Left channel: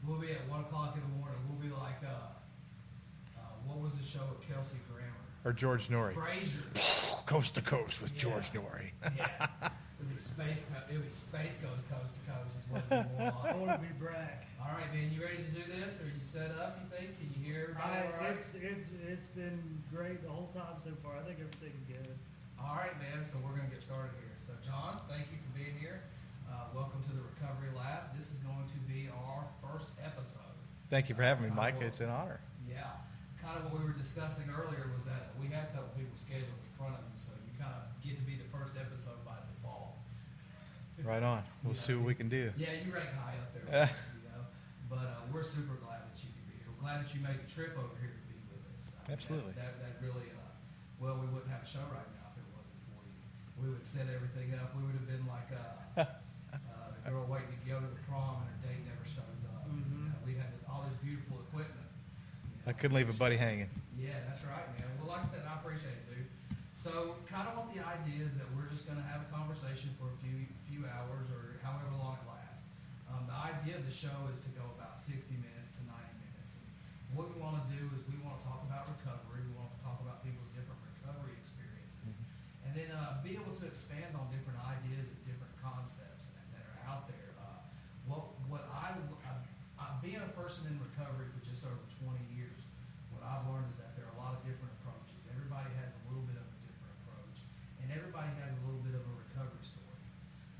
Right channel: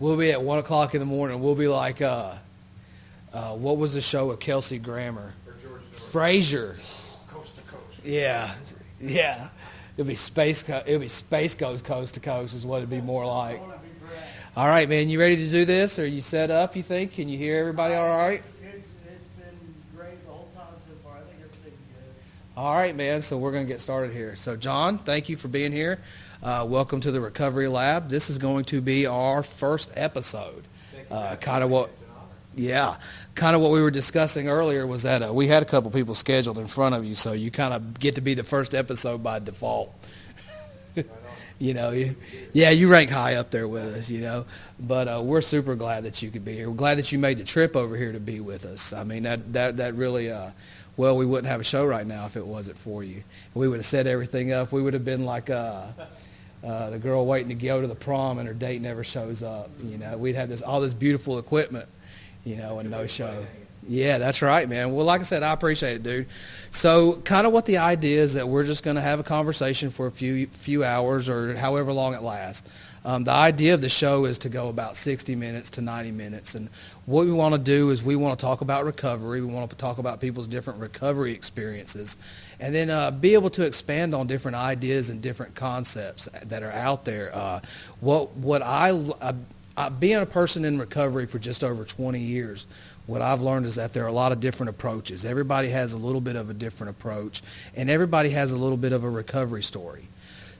we'll be at 1 o'clock in the morning. We'll be like, what was the show with Kelsey Grammer? Or George Norrie. Frasier. Coast to Coast with Yeah. George Norrie. Yeah. It'll be space goes coast to coast is what it'd be more like. All right, man. You ready to do this? Are you set up, you think? Can you hear everybody all right? It's been great the whole time so far. I think everything's good. All right, man. So we're going to get started here. So, John, thank you for being here. Welcome to the Recovery Lab. This is going to be our first episode. Thank you for having kind of me. what, It's an honor. Yeah. Kind of what we were discussing earlier was that we had a couple people scheduled in front of you, so you kind of get to be the first episode by default. Right on. You know, See what we can do. Yeah, you rank high up there with us, you know. But we're super glad that you could be here. We're glad that you made the trip over here to be with us. I mean, that really, well, we wouldn't have a show right now if it wasn't for you. We would have set everything up. We would have been like the girl waiting to go to the prom and her date never shows up. You know, we'd have all this beautiful equipment. You know, I couldn't leave money hanging. Yeah, that's right, man. Well, like I said, I appreciate it, dude. So kind of what the idea is that we're just going to have a conversation for a few hours or however long it lasts. The idea of the show is to go about 60 minutes to 90 minutes. And what we want to do is we want to talk about recovery. We want to talk about people's different recovery experiences. And then be able to expand on different ideas and different concepts that are out there. Being a person in recovery for just over 20 years, what I've learned is that there are a lot of different approaches. Everybody has a little bit of a different approach, and everybody has a little bit of a recovery story.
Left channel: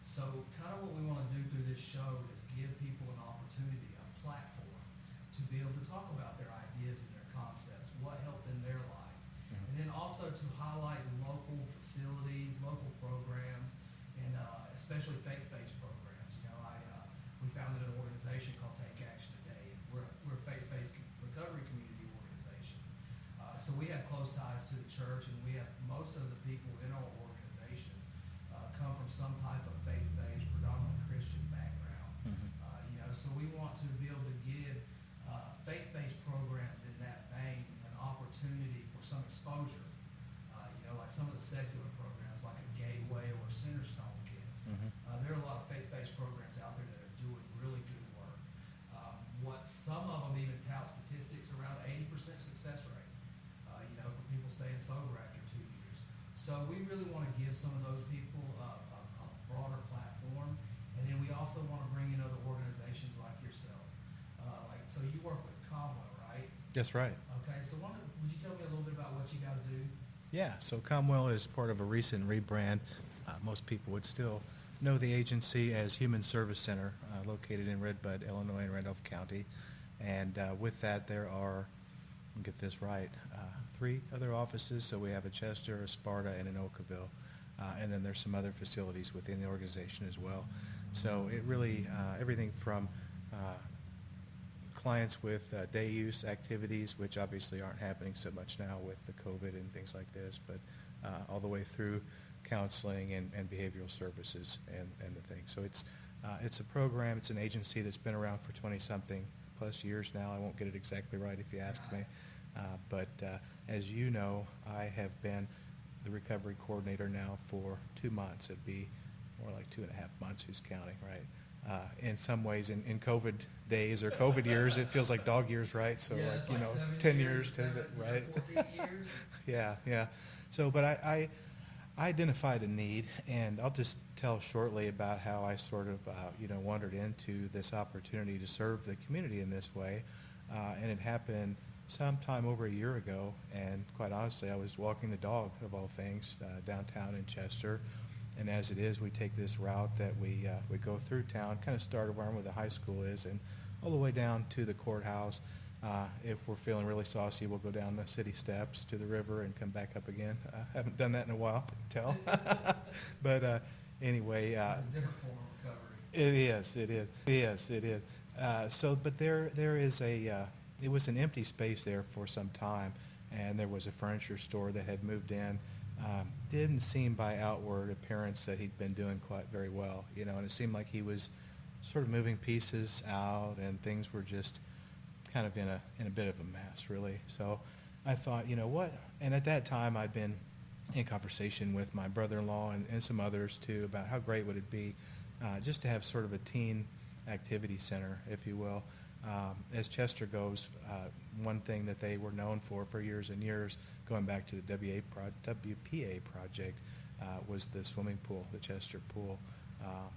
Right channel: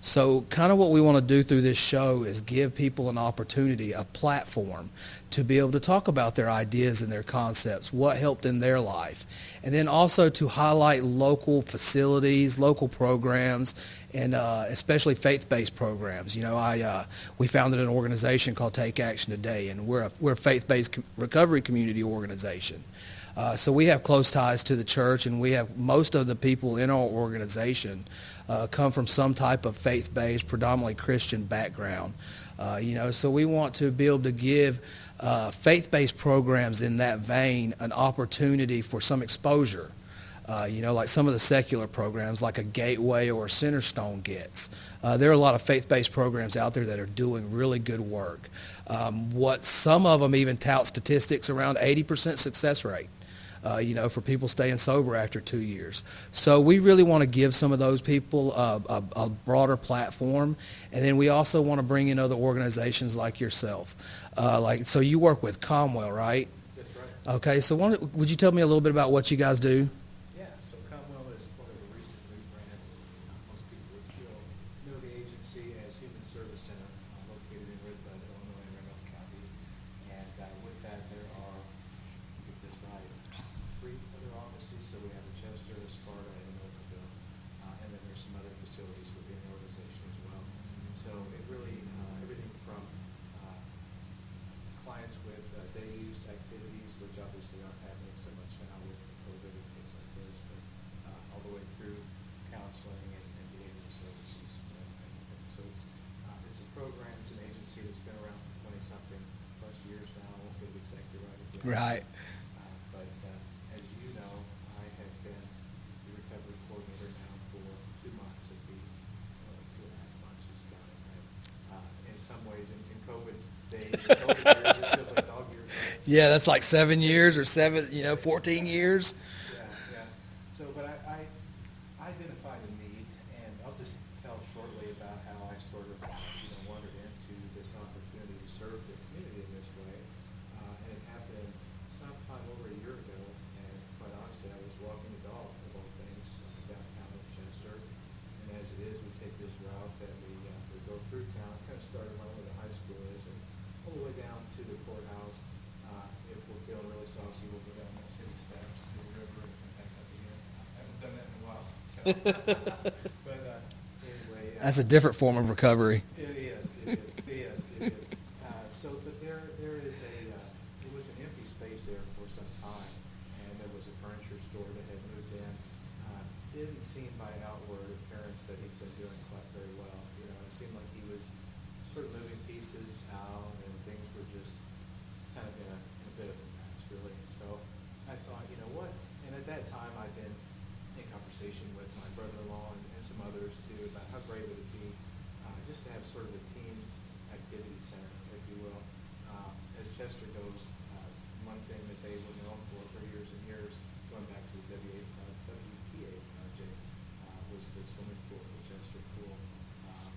So kind of what we want to do through this show is give people an opportunity, a platform, to be able to talk about their ideas and their concepts, what helped in their life, and then also to highlight local facilities, local programs, and especially faith-based programs. You know, we founded an organization called Take Action Today, and we're a faith-based recovery community organization. So we have close ties to the church, and we have most of the people in our organization come from some type of faith-based, predominantly Christian background. You know, so we want to be able to give faith-based programs in that vein an opportunity for some exposure. You know, like some of the secular programs, like a Gateway or a Centerstone gets. There are a lot of faith-based programs out there that are doing really good work. Some of them even tout statistics around 80% success rate. You know, for people staying sober after 2 years. So we really want to give some of those people a broader platform. And then we also want to bring in other organizations like yourself. So you work with Comwell, right? That's right. Okay, so would you tell me a little bit about what you guys do? Yeah, so Comwell is part of a recent rebrand. Most people would still know the agency as Human Service Center, located in Redbud, Illinois, in Randolph County. And with that, there are, I'll get this right, 3 other offices. So we have a Chester, a Sparta, and an Oakville. And then there's some other facilities within the organization as well. So it really, everything from clients with day use activities, which obviously aren't happening so much now with the COVID and things like this, but all the way through counseling and behavioral services and the thing. So it's a program, it's an agency that's been around for 20-something plus years now. I won't get it exactly right if you ask Right. me. But as you know, I have been the recovery coordinator now for 2 months. It'd be more like 2.5 months, who's counting, right? In some ways, in COVID days or COVID years, it feels like dog years, right? So, Yeah, that's like 7 years or right? 14 years. Yeah. So, but I identified a need, and I'll just tell shortly about how I sort of, wandered into this opportunity to serve the community in this way. And it happened sometime over a year ago, and quite honestly, I was walking the dog, of all things, downtown in Chester. And as it is, we take this route that we go through town, kind of start around where the high school is, and all the way down to the courthouse. If we're feeling really saucy, we'll go down the city steps to the river and come back up again. Haven't done that in a while, but anyway. That's a different form of recovery. It is. But there is it was an empty space there for some time, and there was a furniture store that had moved in. Didn't seem by outward appearance that he'd been doing quite very well, and it seemed like he was sort of moving pieces out, and things were just kind of in a bit of a mess, really. So I thought, you know what? And at that time, I'd been in conversation with my brother-in-law and some others too about how great would it be just to have sort of a teen activity center, if you will, As Chester goes, one thing that they were known for years and years, going back to the WPA project, was the swimming pool, the Chester pool.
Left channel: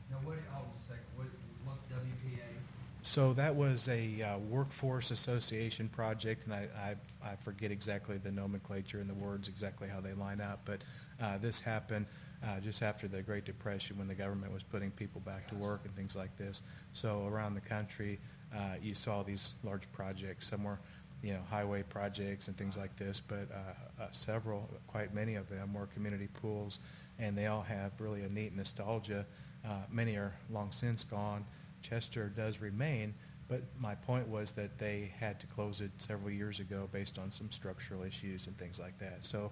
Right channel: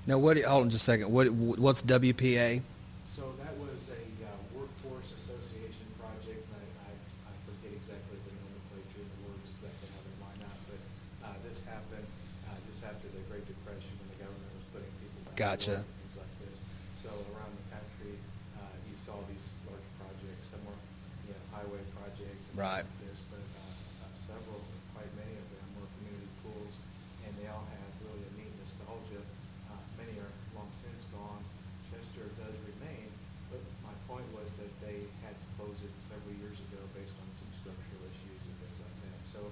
Now, hold on just a second. What's WPA? So that was a workforce association project, and I forget exactly the nomenclature and the words exactly how they line up, but this happened just after the Great Depression when the government was putting people back to work and things like this. So around the country, you saw these large projects. Some were, highway projects and things like this, but several, quite many of them, were community pools, and they all have really a neat nostalgia. Many are long since gone. Chester does remain, but my point was that they had to close it several years ago based on some structural issues and things like that. So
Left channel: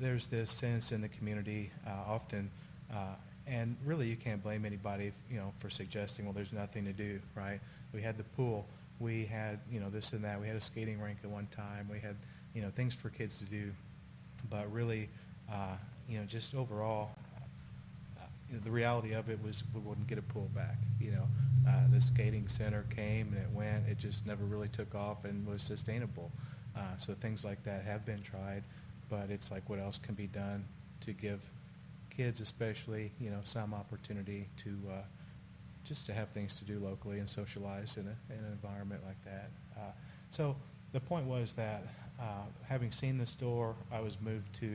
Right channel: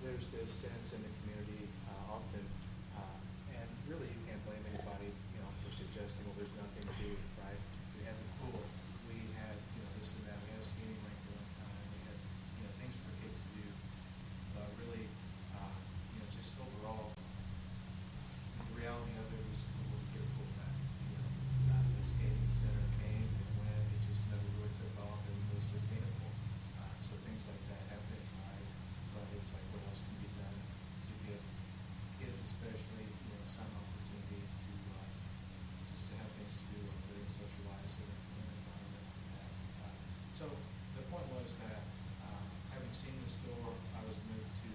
there's this sense in the community often, and really you can't blame anybody, for suggesting, well, there's nothing to do, right? We had the pool, we had, this and that, we had a skating rink at one time, we had, things for kids to do, but really, just overall, the reality of it was we wouldn't get a pool back. The skating center came and it went. It just never really took off and was sustainable. So things like that have been tried, but it's like what else can be done to give kids, especially, some opportunity to just to have things to do locally and socialize in an environment like that. So the point was that having seen the store, I was moved to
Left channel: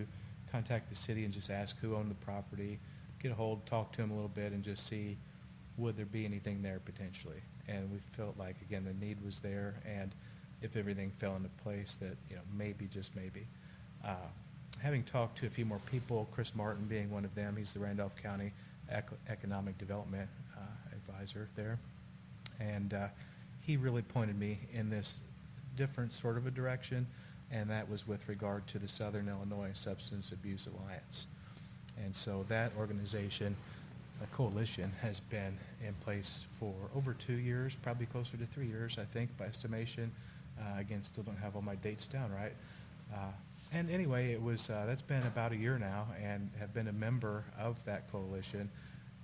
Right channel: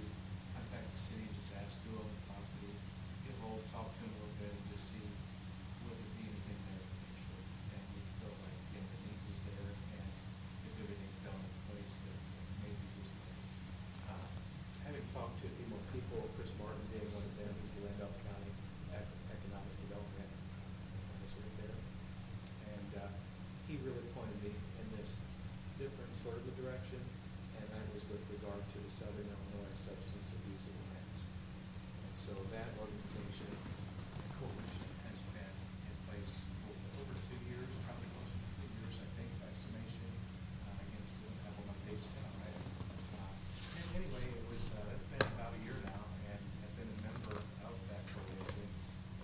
contact the city and just ask who owned the property, get a hold, talk to them a little bit, and just see would there be anything there potentially. And we felt like, again, the need was there, and if everything fell into place, that maybe, just maybe. Having talked to a few more people, Chris Martin being one of them, he's the Randolph County Economic Development Advisor there, and he really pointed me in this different sort of a direction, and that was with regard to the Southern Illinois Substance Abuse Alliance. And so that organization, the coalition, has been in place for over 2 years, probably closer to 3 years, I think, by estimation. Again, still don't have all my dates down right. And anyway, it was that's been about a year now, and have been a member of that coalition,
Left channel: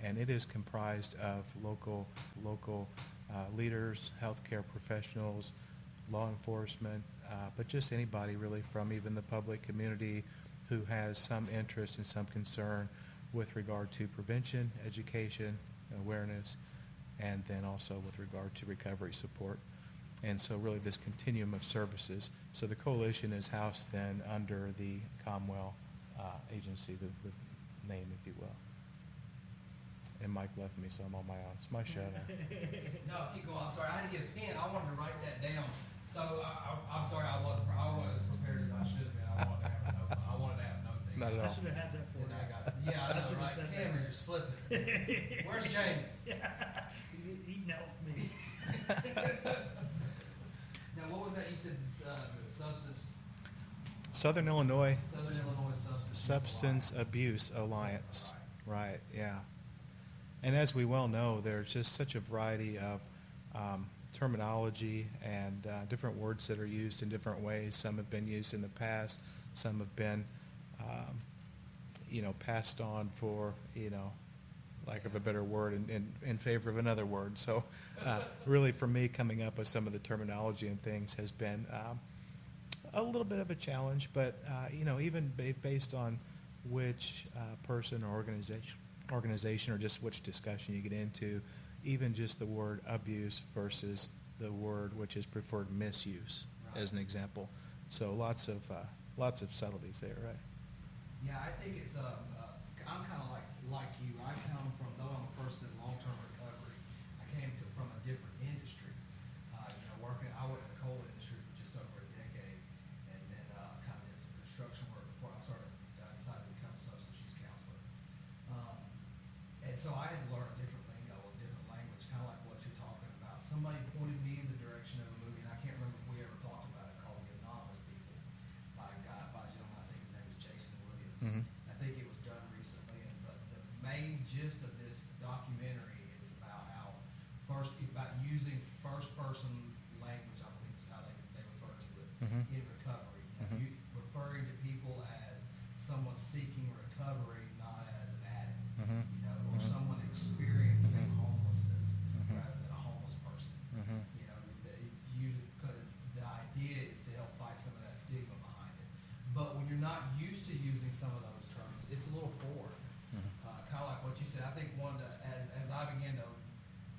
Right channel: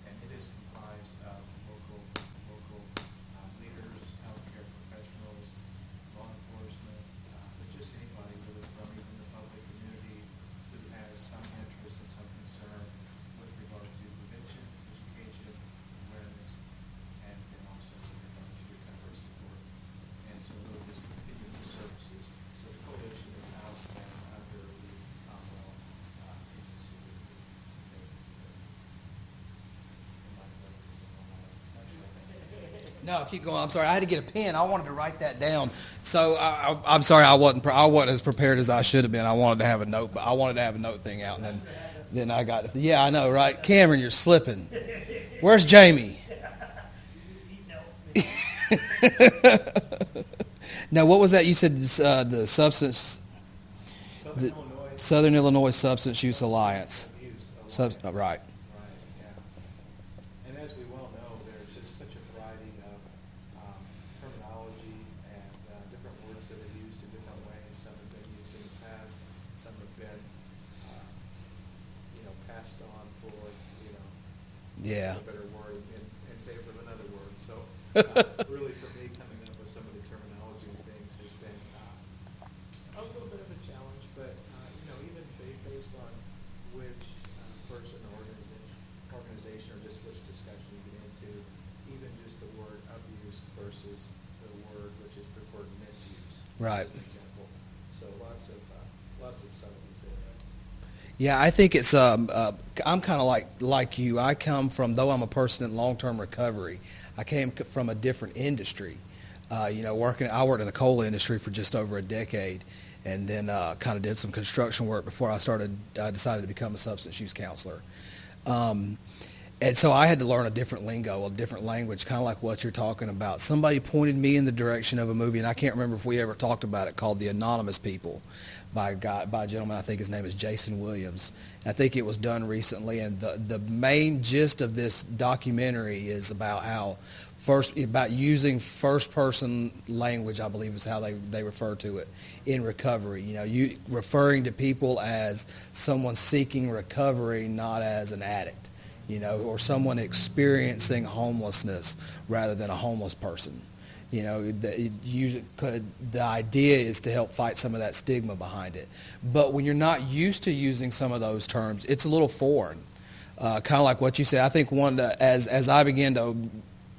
and it is comprised of local leaders, healthcare professionals, law enforcement, but just anybody really from even the public community who has some interest and some concern with regard to prevention, education, awareness, and then also with regard to recovery support. And so really this continuum of services. So the coalition is housed then under the Commonwealth agency, the name, if you will. And Mike left me, so I'm on my own. It's my show. No, keep going. I'm sorry. I had to get a pen. I wanted to write that down. So I'm sorry. I wasn't as prepared as I should have been. I wanted to have a note, but I wanted to have a note thing out. And then I got it. Yeah, I know, right? Cameron, you're slipping. Where's Jamie? He helped me. Now, what was that? You said the substance. Southern Illinois. Southern Illinois Substance Use Alliance. Abuse Alliance. Right. Right. Yeah. And as we well know, there's just such a variety of terminology and different words that are used in different ways. Some have been used in the past. Some have been, passed on for, lack of a better word, in favor of another word. So really for me, coming up with some of the terminology and things has been a little bit of a challenge, but even based on which person or organization or just which discussion you get into, even just the word abuse versus the word which is preferred misuse, right, as an example. So lots of subtleties there, right? Yeah, I think it's I'm kind of like you. I come from, though I'm a person in long-term recovery, I came from a different industry. I worked in the coal industry for just over a decade, and then kind of did some construction work before I decided to become a substance use counselor. And so I had to learn a different lingo, a different language, kind of like what you're talking about. Somebody pointed me in the direction of a movie, and I can't remember if we ever talked about it, called The Anonymous People, by a gentleman, I think his name is Jason Williams. Mm-hmm. I think it was done recently, and the main gist of this documentary is about using first-person language, I believe is how they refer to it, mm-hmm. in recovery. You referring to people as someone seeking recovery, not as an addict, mm-hmm. Or someone experiencing homelessness rather than a homeless person. Mm-hmm. You know, the idea is to help fight some of that stigma behind it. But when you're not used to using some of those terms, it's a little foreign. Kind of like what you said. I think as I began to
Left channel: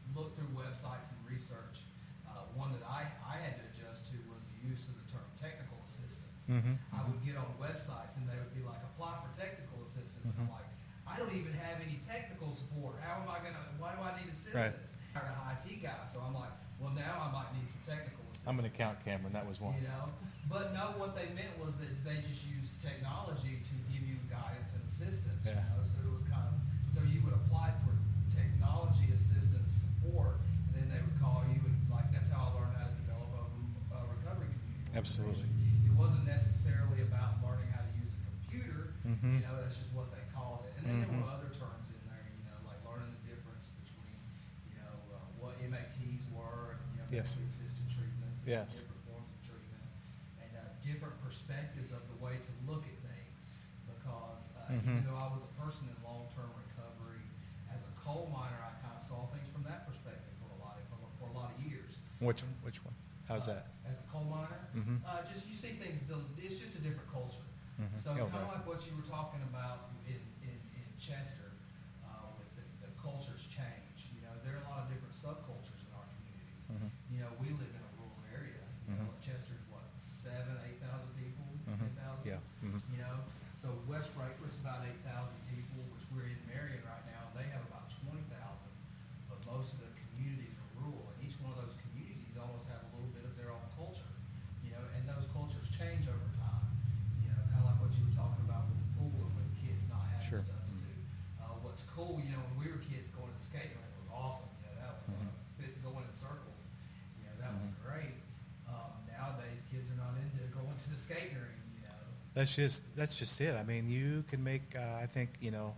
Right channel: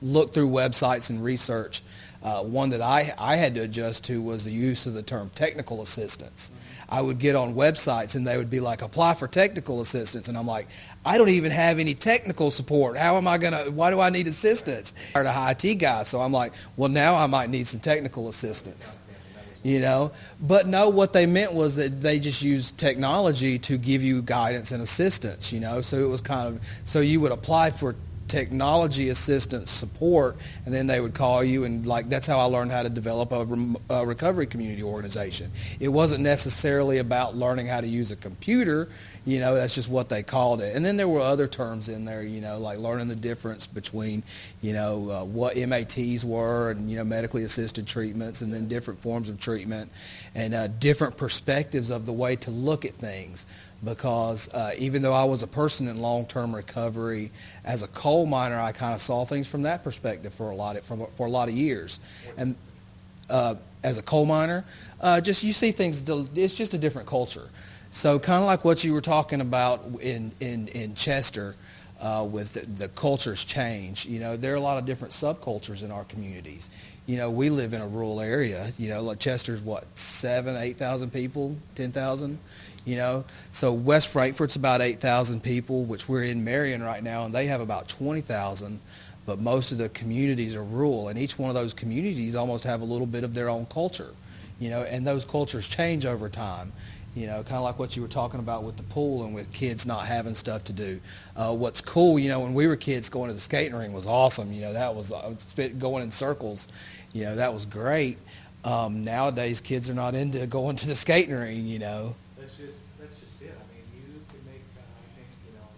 look through websites and research, one that I had to adjust to was the use of the term technical assistance. I would get on websites and they would be like, apply for technical assistance. And I'm like, I don't even have any technical support. Why do I need assistance? I'm an IT guy. So I'm like, well, now I might need some technical assistance. I'm an account camera, that was one. You know, but no, what they meant was that they just used technology to give you guidance and assistance, you know. So it was so you would apply for technology assistance support, and then they would call you, and like that's how I learned how to develop a recovery community organization. It wasn't necessarily about learning how to use a computer, you know, that's just what they called it. And then there were other terms in there, you know, like learning the difference between, you know, what MATs were and, you know, medically assisted treatments, and then different forms of treatment, and different perspectives of the way to look at things. Because even though I was a person in long-term recovery, as a coal miner, I kind of saw things from that perspective for a lot of years. Which one? As a coal miner, just you see things. It's just a different culture. So kind of like what you were talking about in Chester. With the cultures change. You know, there are a lot of different subcultures in our communities. You know, we live in a rural area. You know, like Chester's 7,000, 8,000 people, 10,000. You know, so West Frankfort's about 8,000 people, which we're in Marion right now, and they have about 20,000. But most of the communities are rural, and each one of those communities almost have a little bit of their own culture. You know, and those cultures change over time. You know, kind of like what you were talking about with the pool and with kids not having stuff to do. What's cool, you know, when we were kids, going to the skating ring was awesome. You know, that was going in circles. You know, that was great. Nowadays, kids are not into going to the skating ring. You know, That's just it. I mean, you can make, I think, you know,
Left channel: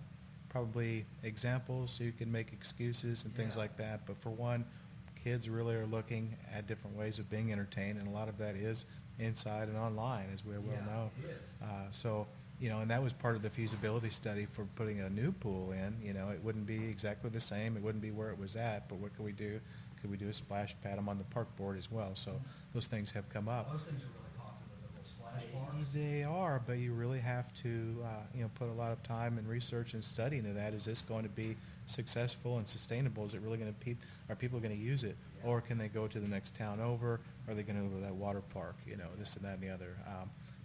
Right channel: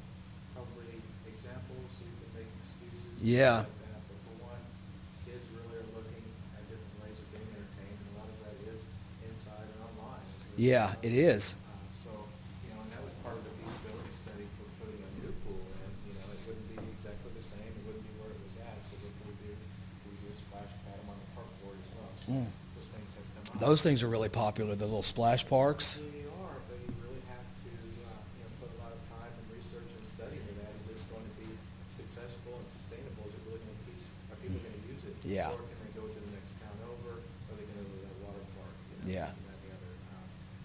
probably examples. You can make excuses, things like that. But for one, kids really are looking at different ways of being entertained, and a lot of that is inside and online, as we know. it is. So, you know, and that was part of the feasibility study for putting a new pool in. You know, it wouldn't be exactly the same. It wouldn't be where it was at. But what can we do? Could we do a splash pad on the park board as well? So those things have come up. Those things are really popular, the little splash parks. They are, but you really have to, you know, put a lot of time and research and study into that. Is this going to be successful and sustainable? Is it really going to are people going to use it? Yeah. Or can they go to the next town over? Are they going to go to that water park? You know, this and that and the other.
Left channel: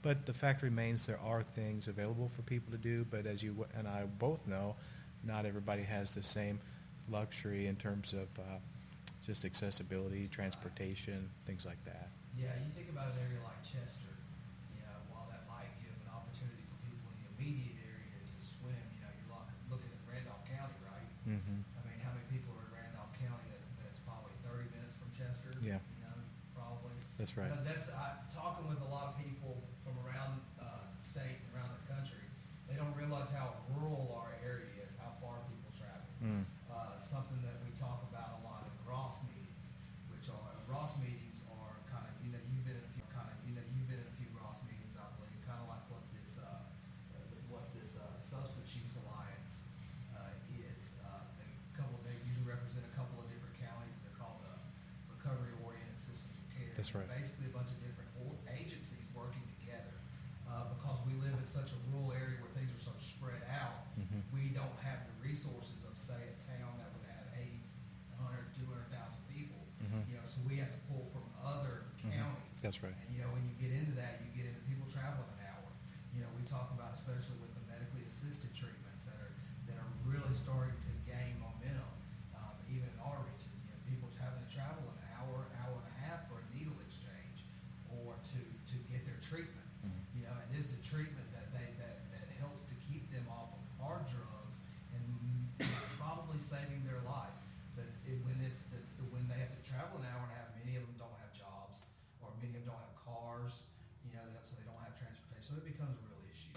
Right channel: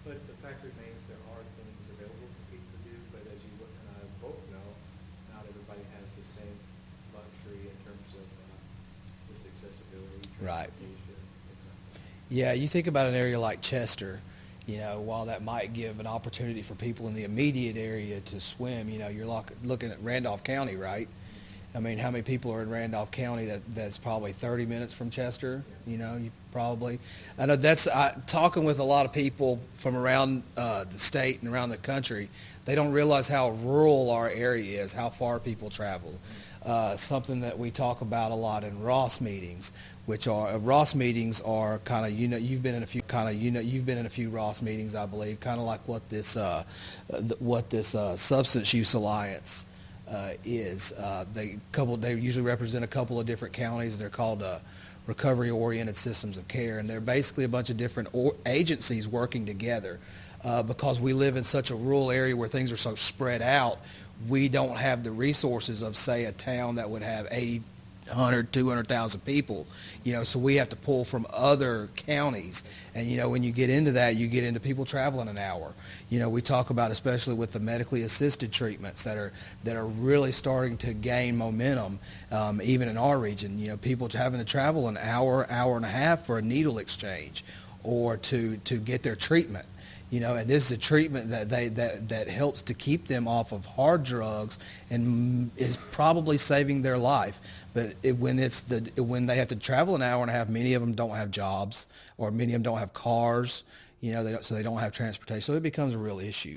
But the fact remains, there are things available for people to do. But as you and I both know, not everybody has the same luxury in terms of just accessibility, transportation, things like that. Yeah, you think about an area like Chester. You know, while that might give an opportunity for people in the immediate area to swim, you know, you're looking at Randolph County, right? I mean, how many people are in Randolph County that's probably 30 minutes from Chester? Yeah. You know, you probably. Right. I know talking with a lot of people from around the state and around the country, they don't realize how rural our area is, how far people travel. Something that we talk about a lot in Ross meetings, which are kind of, you know, you've been in a few Ross meetings, I believe, kind of like what this Substance Use Alliance is. They usually represent a couple of different counties. They're called recovery-oriented systems of care, and they're basically a bunch of different agencies working together. Because we live in such a rural area where things are so spread out, we don't have the resources of, say, a town that would have 80, 100, 200,000 people, you know, so we have to pull from other counties. That's right. And, you know, when you get into that, you get into people traveling an hour. You know, we talk about, especially with the medically assisted treatments that are really starting to gain momentum, even in our region. You know, people having to travel an hour and a half for a needle exchange or to get their treatment. You know, and this is a treatment that helps to keep them off of hard drugs and is probably saving their life. But when they have to travel an hour and a half, many of them don't have jobs, or many of them don't have cars. You know, so they don't have transportation. So it becomes a real issue.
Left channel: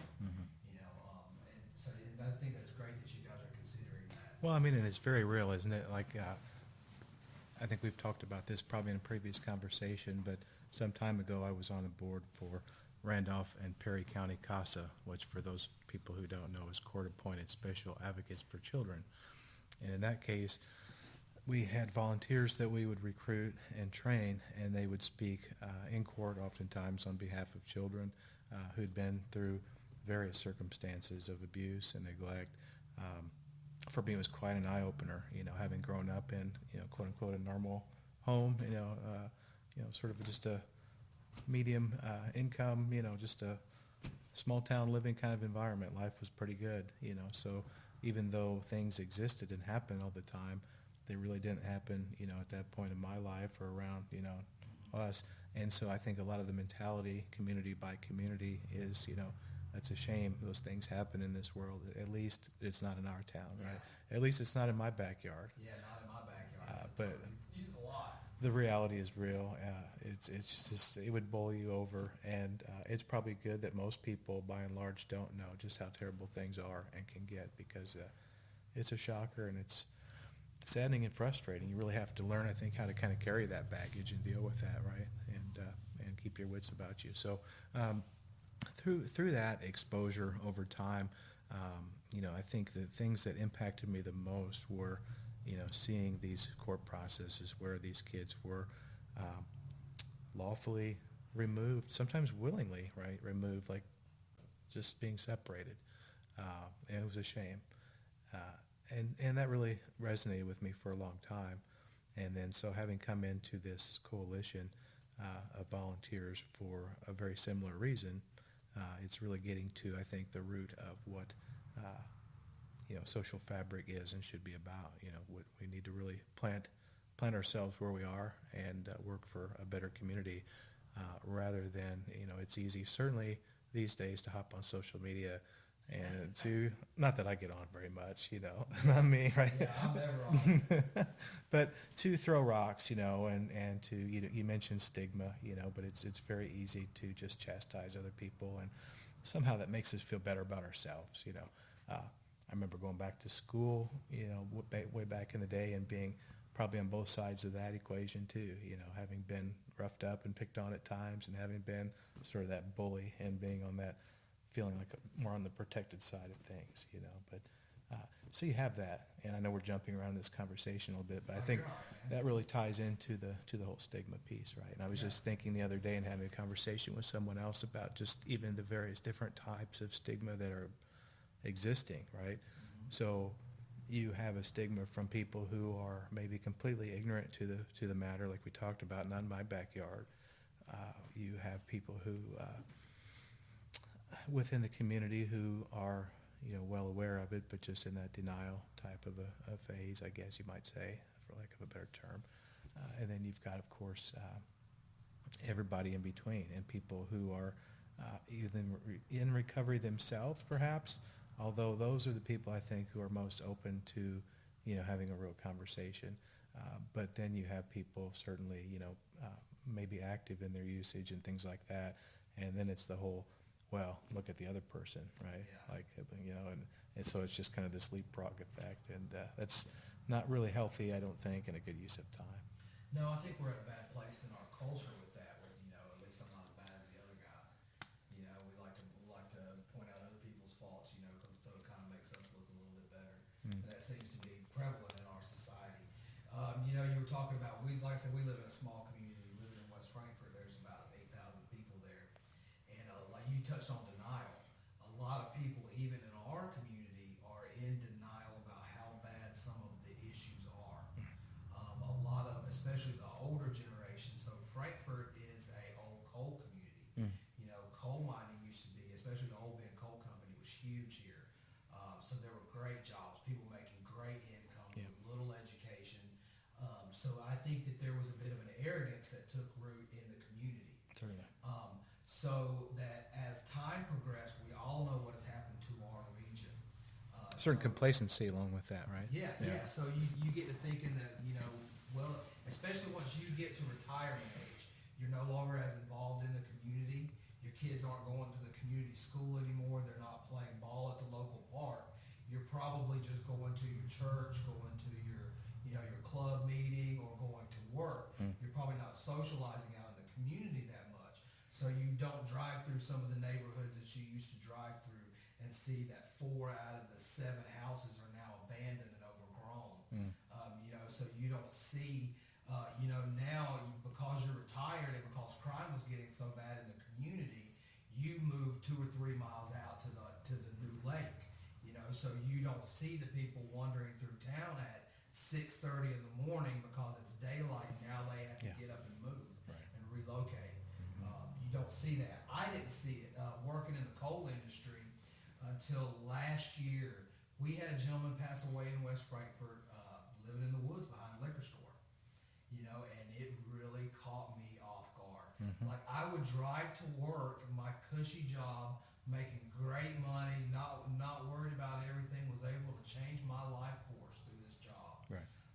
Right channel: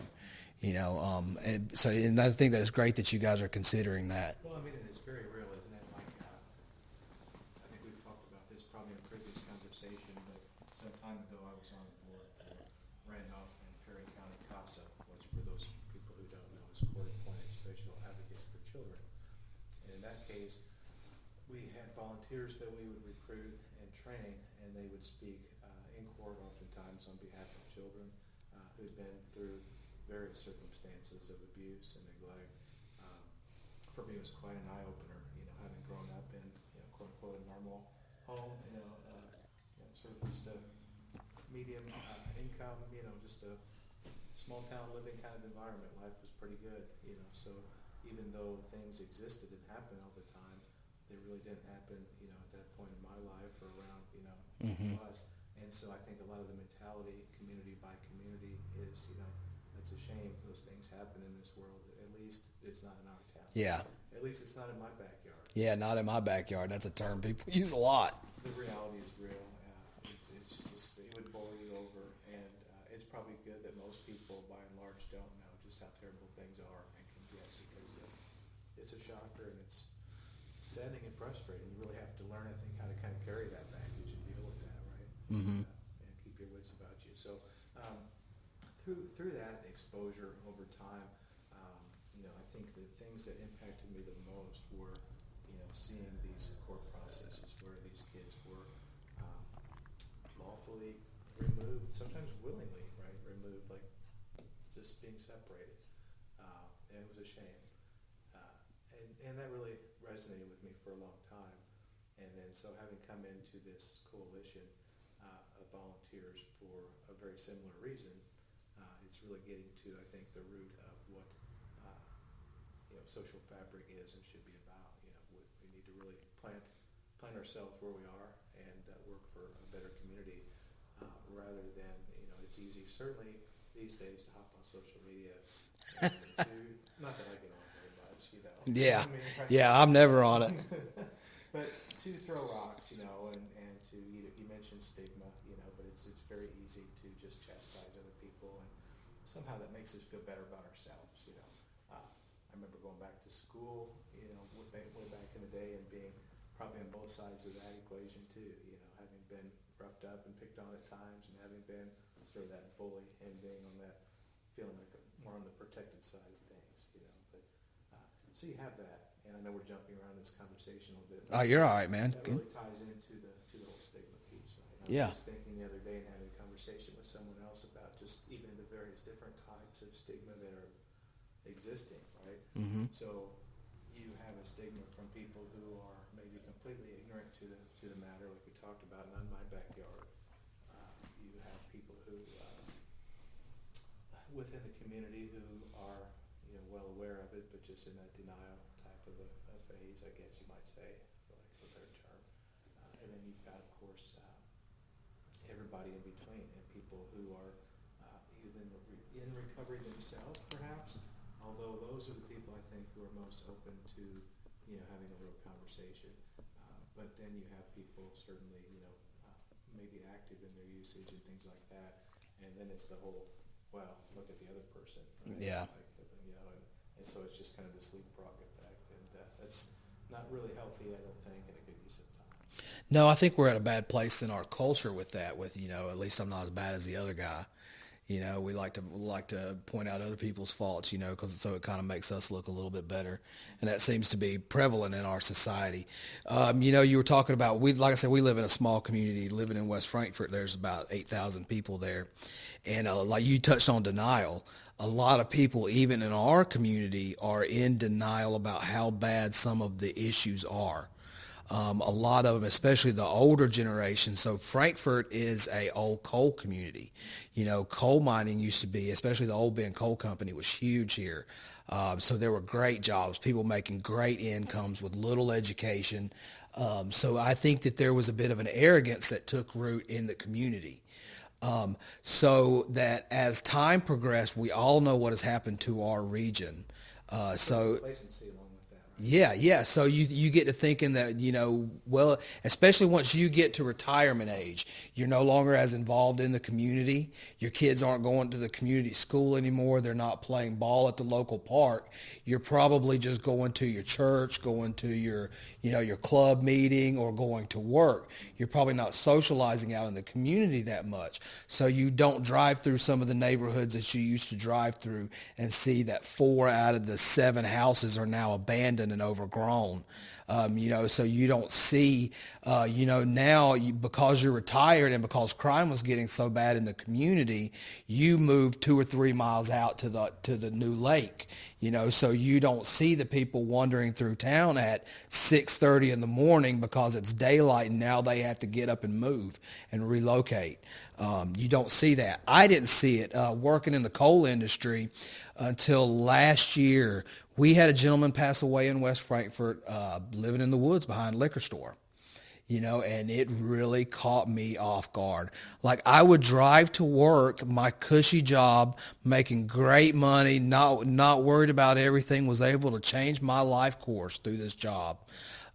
You know, and I think that it's great that you guys are considering that. Well, I mean, and it's very real, isn't it? Like, I think we've talked about this probably in a previous conversation, but some time ago I was on the board for Randolph and Perry County CASA, which for those people who don't know is Court Appointed Special Advocates for Children. And in that case, we had volunteers that we would recruit and train, and they would speak in court oftentimes on behalf of children who'd been through various circumstances of abuse and neglect. For me, it was quite an eye-opener, having grown up in, quote unquote, a normal home, sort of just a medium income, just a small town living kind of environment. Life was pretty good, so even though things existed and happened all the time, they really didn't happen, at that point in my life or around, us. And so I think a lot of the mentality, community by community, is, it's a shame those things happen in this world. At least it's not in our town. Yeah. At least it's not in my backyard. Yeah, not in my backyard. That's a term people use a lot. The reality is real. It's just, it would bowl you over, and it's probably good that most people, by and large, don't know just how terrible things are and can get, because it's a shocker, and it's saddening and frustrating. You really have to learn, I think, how to kind of carry that baggage and deal with that, right? Mm-hmm. And keep your wits about you. So through that exposure over time, I think the things that impacted me the most were, seeing these court processes where these kids were lawfully removed, sometimes willingly, right? Removed, like just being separated. And it was a shame. And that really resonated with me for a long time. And then so having come into this coalition of volunteers for a very similar reason, it's really getting to, I think, the root of what social fabric is and should be about. We need to really plant ourselves where we are and work for a better community, rather than, it's easy, certainly these days, to hop on social media and to, not that I get on very much, Yeah. I mean, right? Yeah, I'm never on it. But to throw rocks, and to, you mentioned stigma, but it's very easy to just chastise other people, and somehow that makes us feel better about ourselves, I remember going back to school, way back in the day, and being probably on both sides of that equation too, having been roughed up and picked on at times, and having been sort of that bully, and being on that, feeling like more on the protected side of things, but so you have that, and I know we're jumping around this conversation a little bit, but I You're think all right, man. that really ties into the whole stigma piece, right? And I was Yeah. just thinking the other day, and having a conversation with someone else about just even the various different types of stigma that are existing, right? Mm-hmm. So you have a stigma from people who are maybe completely ignorant to the matter, like we talked about, not in my backyard. You have people who within the community who are well aware of it, but just in that denial type of a phase, I guess you might say, for lack of a better term. And then you've got, of course, everybody in between, and people who are either in recovery themselves, perhaps, although those are the people, I think, who are most open to having a real conversation. But then you have people, certainly, maybe active in their usage and things like that, and then it's the whole, well, look at the other person, right? Yeah. Like, and so it's just kind of this leapfrog effect, and that's not really healthy, I don't think, and a good use of time. No, I think we're at a bad place in our culture with that. With at least I'm not as bad as the other guy. We like to point out other people's faults, because so it kind of makes us look a little bit better, and that seems to be prevalent in our society. You were talking about, like I said, we live in a small community. Living in West Frankfort, there's about 8,000 people there, and like you touched on denial. A lot of people, even in our community, are in denial about how bad some of the issues are. A lot of them, especially the older generation. So Frankfort is a old coal community. Coal mining used to be, especially the Old Bend Coal Company, was huge here. So there were great jobs, people making great incomes with little education. So I think that there was a bit of an arrogance that took root in the community. So that as time progressed, we all know what has happened to our region. So complacency along with that, right? Yeah. So you get to thinking that, well, especially once you get to retirement age, you're no longer as involved in the community. Your kids aren't going to the community school anymore. They're not playing ball at the local park. You're probably just going to your church, going to your club meeting, or going to work. You're probably not socializing out in the community that much. So you don't drive through some of the neighborhoods that you used to drive through and see that 4 out of the 7 houses are now abandoned and overgrown. So you don't see, now because you're retired and because crime was getting so bad in the community, you moved 2 or 3 miles out to the new lake. So you don't see the people wandering through town at 6:30 in the morning because it's daylight and now they have to get up and move and relocate. You don't see that. I didn't see it working in the coal industry until last year. We had a gentleman pass away in West Frankfort, living in the woods behind a liquor store. And it really caught me off guard. Like, I would drive to work, my cushy job, making great money, not worried about everything, was able to change my life course through this job.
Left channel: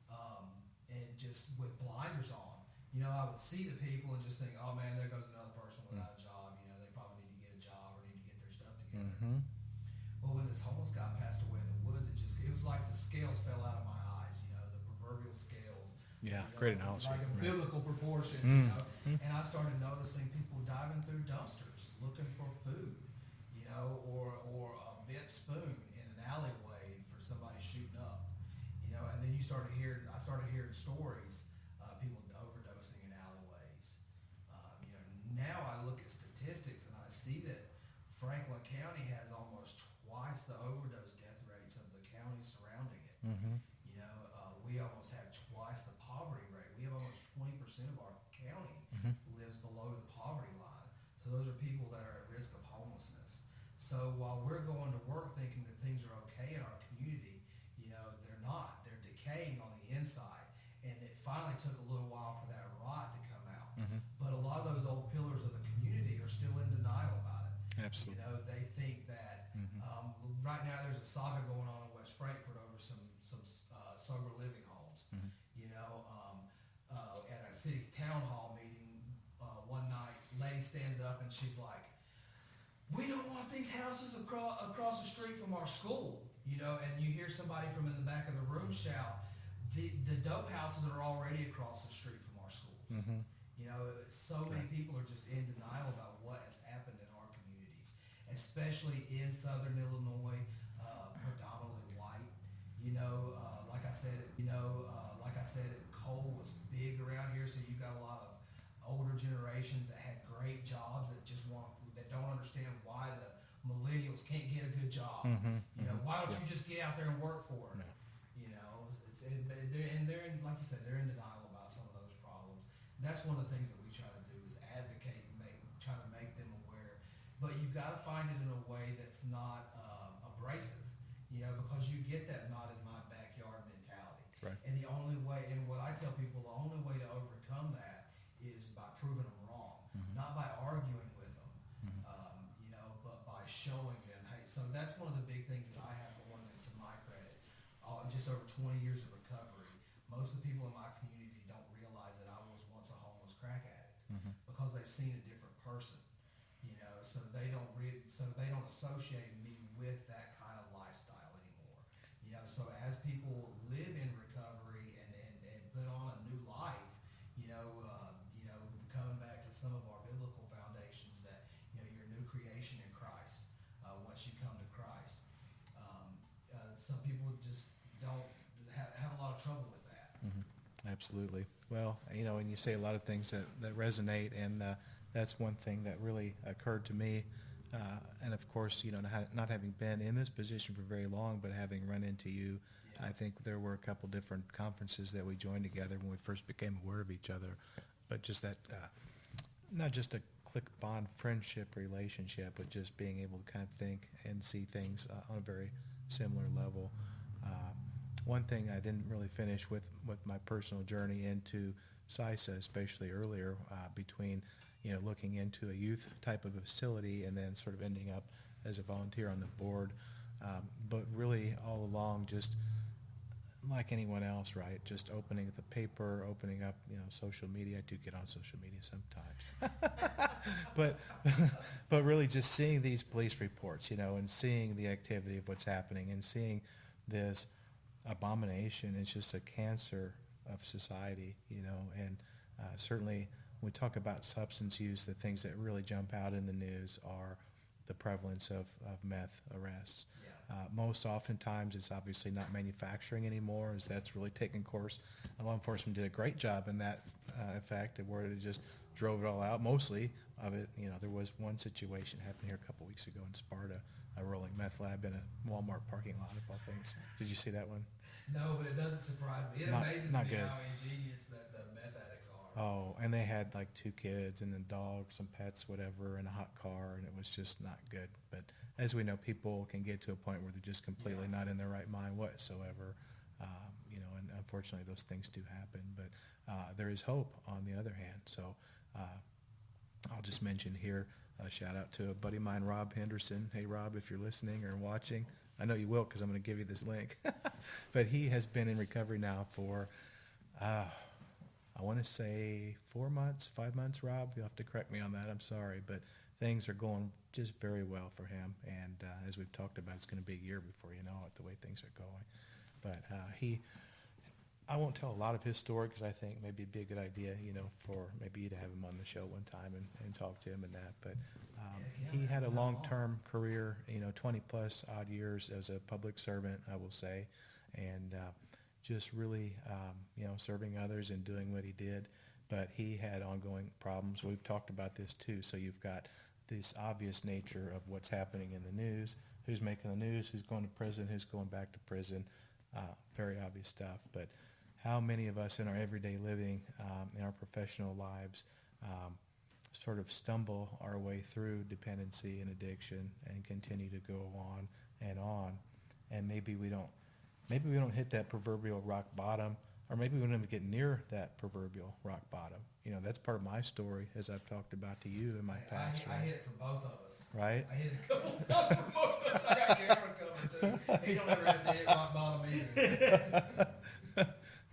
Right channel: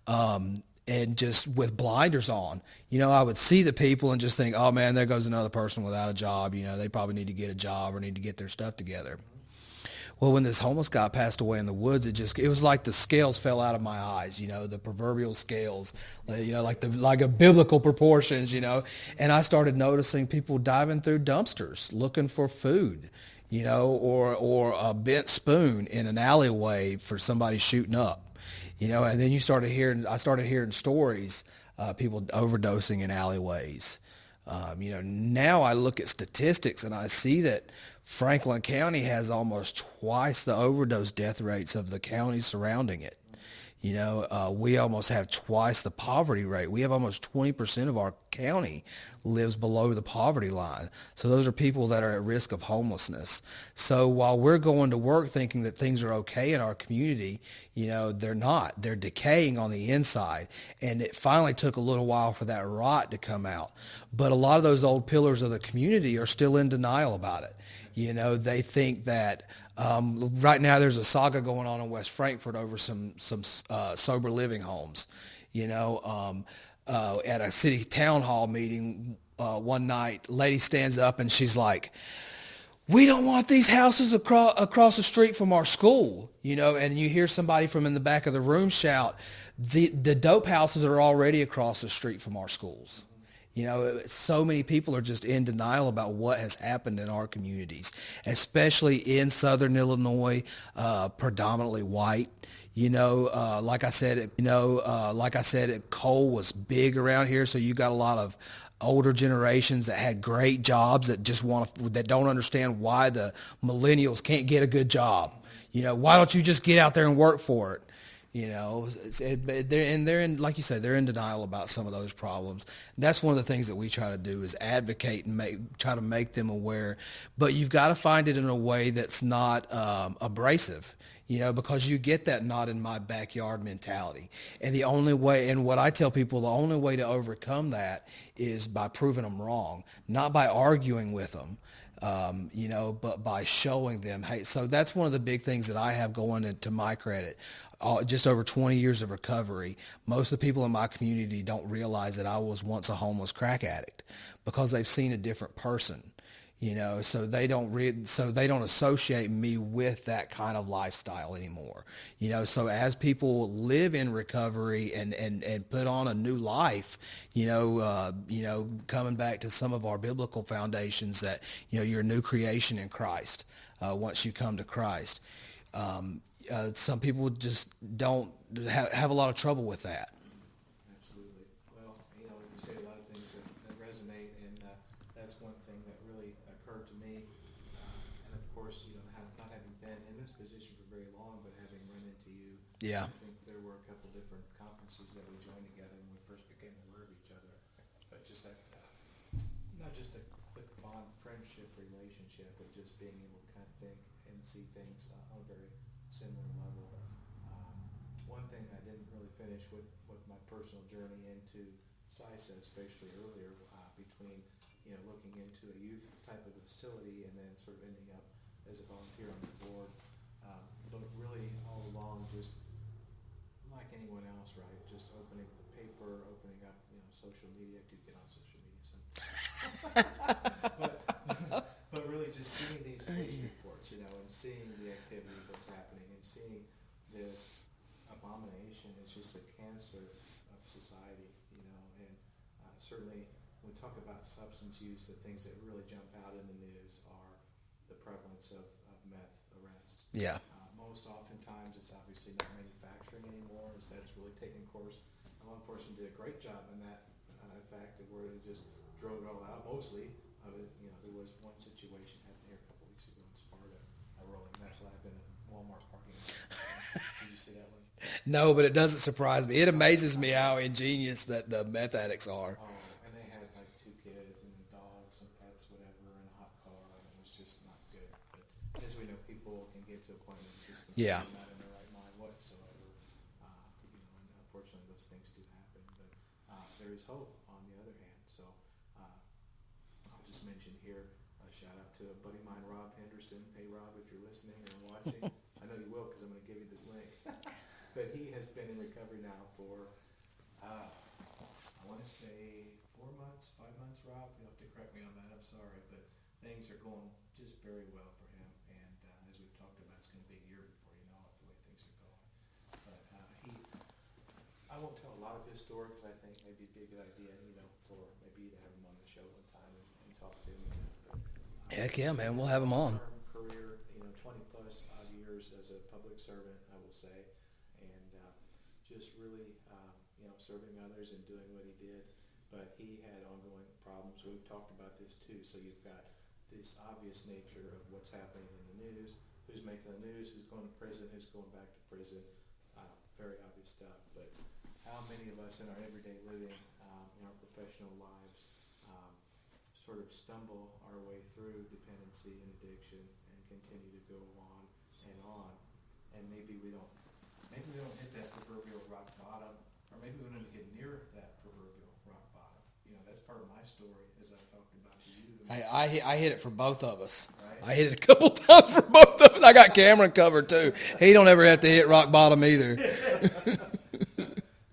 And just with blinders on. I would see the people and just think, oh man, there goes another person without a job. They probably need to get a job or need to get their stuff together. Well, when this homeless guy passed away in the woods, it was like the scales fell out of my eyes, the proverbial scales, like a biblical proportions, and I started noticing people diving through dumpsters looking for food, or a bent spoon in an alleyway for somebody shooting up, and then I started hearing stories, people overdosing in alleyways. Now I look at statistics and I see that Franklin County has almost twice the overdose death rates of the counties surrounding it. We almost have twice the poverty rate. We have almost 20% of our county lives below the poverty line. So those are people that are at risk of homelessness. So while we're going to work thinking that things are okay in our community, they're not. They're decaying on the inside. And it finally took a little while for that rot to come out. But a lot of those old pillars of the community are still in denial about it. They think that right now there's a saga going on in West Frankfort over some sober living homes. At a city town hall meeting one night, lady stands up and she's like, we don't want these houses across the street from our school, and you hear somebody from in the back of the room shout, the dope houses are already across the street from our schools. So many people are just in denial about what has happened in our communities, especially in Southern Illinois, predominantly white. Like I said, coal was big around here, so you got a lot of older generations that had great jobs that that don't understand why the millennials can't get a good job. Why don't you just get out there and work for it? They're in, like you said, they're in denial about some of those problems. That's one of the things that we try to do is advocate and try to make them aware. But you've got to find it in a way that's not abrasive, because you get that not in my backyard mentality. Right. And the only way, and what I tell people, the only way to overcome that is by proving them wrong, not by arguing with them. But by showing them, hey, so that's one of the big things that I have going into my credit. Just over 20 years of recovery, most of the people in my community don't realize that I was once a homeless crack addict because they've seen a different person, so they don't associate me with that kind of lifestyle anymore. So as people live in recovery and put on a new life, coming back to some of our biblical foundations that, you're a new creation in Christ once you come to Christ. Some people just don't have a lot of trouble with that. Absolutely. Well, and you say a lot of things that resonate, and that's one thing that really occurred to me. And of course, not having been in this position for very long, but having run into you, I think there were a couple different conferences that we joined together when we first became aware of each other. But just that, not just a click bond friendship relationship, but just being able to kind of think and see things on a very similar level. One thing I didn't really finish with my personal journey into CISA, especially earlier, between looking into a youth type of a facility and then sort of ending up as a volunteer on the board, but really all along just like anyone else, right? Just opening the paper, opening up, social media. I do get on social media sometimes, but really just seeing these police reports, and seeing the activity of what's happening and seeing this abomination. It's just a cancer of society, and certainly when we talk about substance use, the things that really jump out in the news are the prevalence of meth arrests. Yeah. Most oftentimes it's obviously not manufacturing anymore, as that's really taken course. Law enforcement did a great job in that effect, where they just drove it all out. Mostly of it, there was one situation happened here a couple weeks ago in Sparta, a rolling meth lab in a Walmart parking lot. Did you see that one? No, but it doesn't surprise me. It amazes not me bad. how ingenious that the meth addicts are. Oh, and they had like 2 kids and a dog, some pets, whatever, and a hot car, and it was just not good. But as we know, people can get to a point where they're just completely not in their right mind whatsoever. And unfortunately, those things do happen. But there is hope on the other hand. So I'll just mention here, a shout out to a buddy of mine, Rob Henderson. Hey, Rob, if you're listening or watching, I know you will because I'm going to give you this link. But he has been in recovery now for, I want to say 4 months, 5 months, Rob. You'll have to correct me on that. I'm sorry. But things are going just very well for him. And as we've talked about, it's going to be a year before you know it, the way things are going. But I won't tell a lot of his story because I think maybe it'd be a good idea, for maybe you to have him on the show one time and talk to him and that. But Heck yeah, he man, had we'll a have him on. long-term career, 20 plus odd years as a public servant, I will say, and just really, serving others and doing what he did. But he had ongoing problems. We've talked about this too. So you've got this obvious nature of what's happening in the news, who's making the news, who's going to prison, who's going back to prison. Very obvious stuff. But how many of us in our everyday living, in our professional lives, sort of stumble our way through dependency and addiction and continue to go on, and maybe we don't hit that proverbial rock bottom, or maybe we don't even get near that proverbial rock bottom. That's part of my story, as I've talked about to you. I hit it for both of us. Right? I hit it a couple times for both of us. I got Cameron covered too. He don't ever have to hit rock bottom either.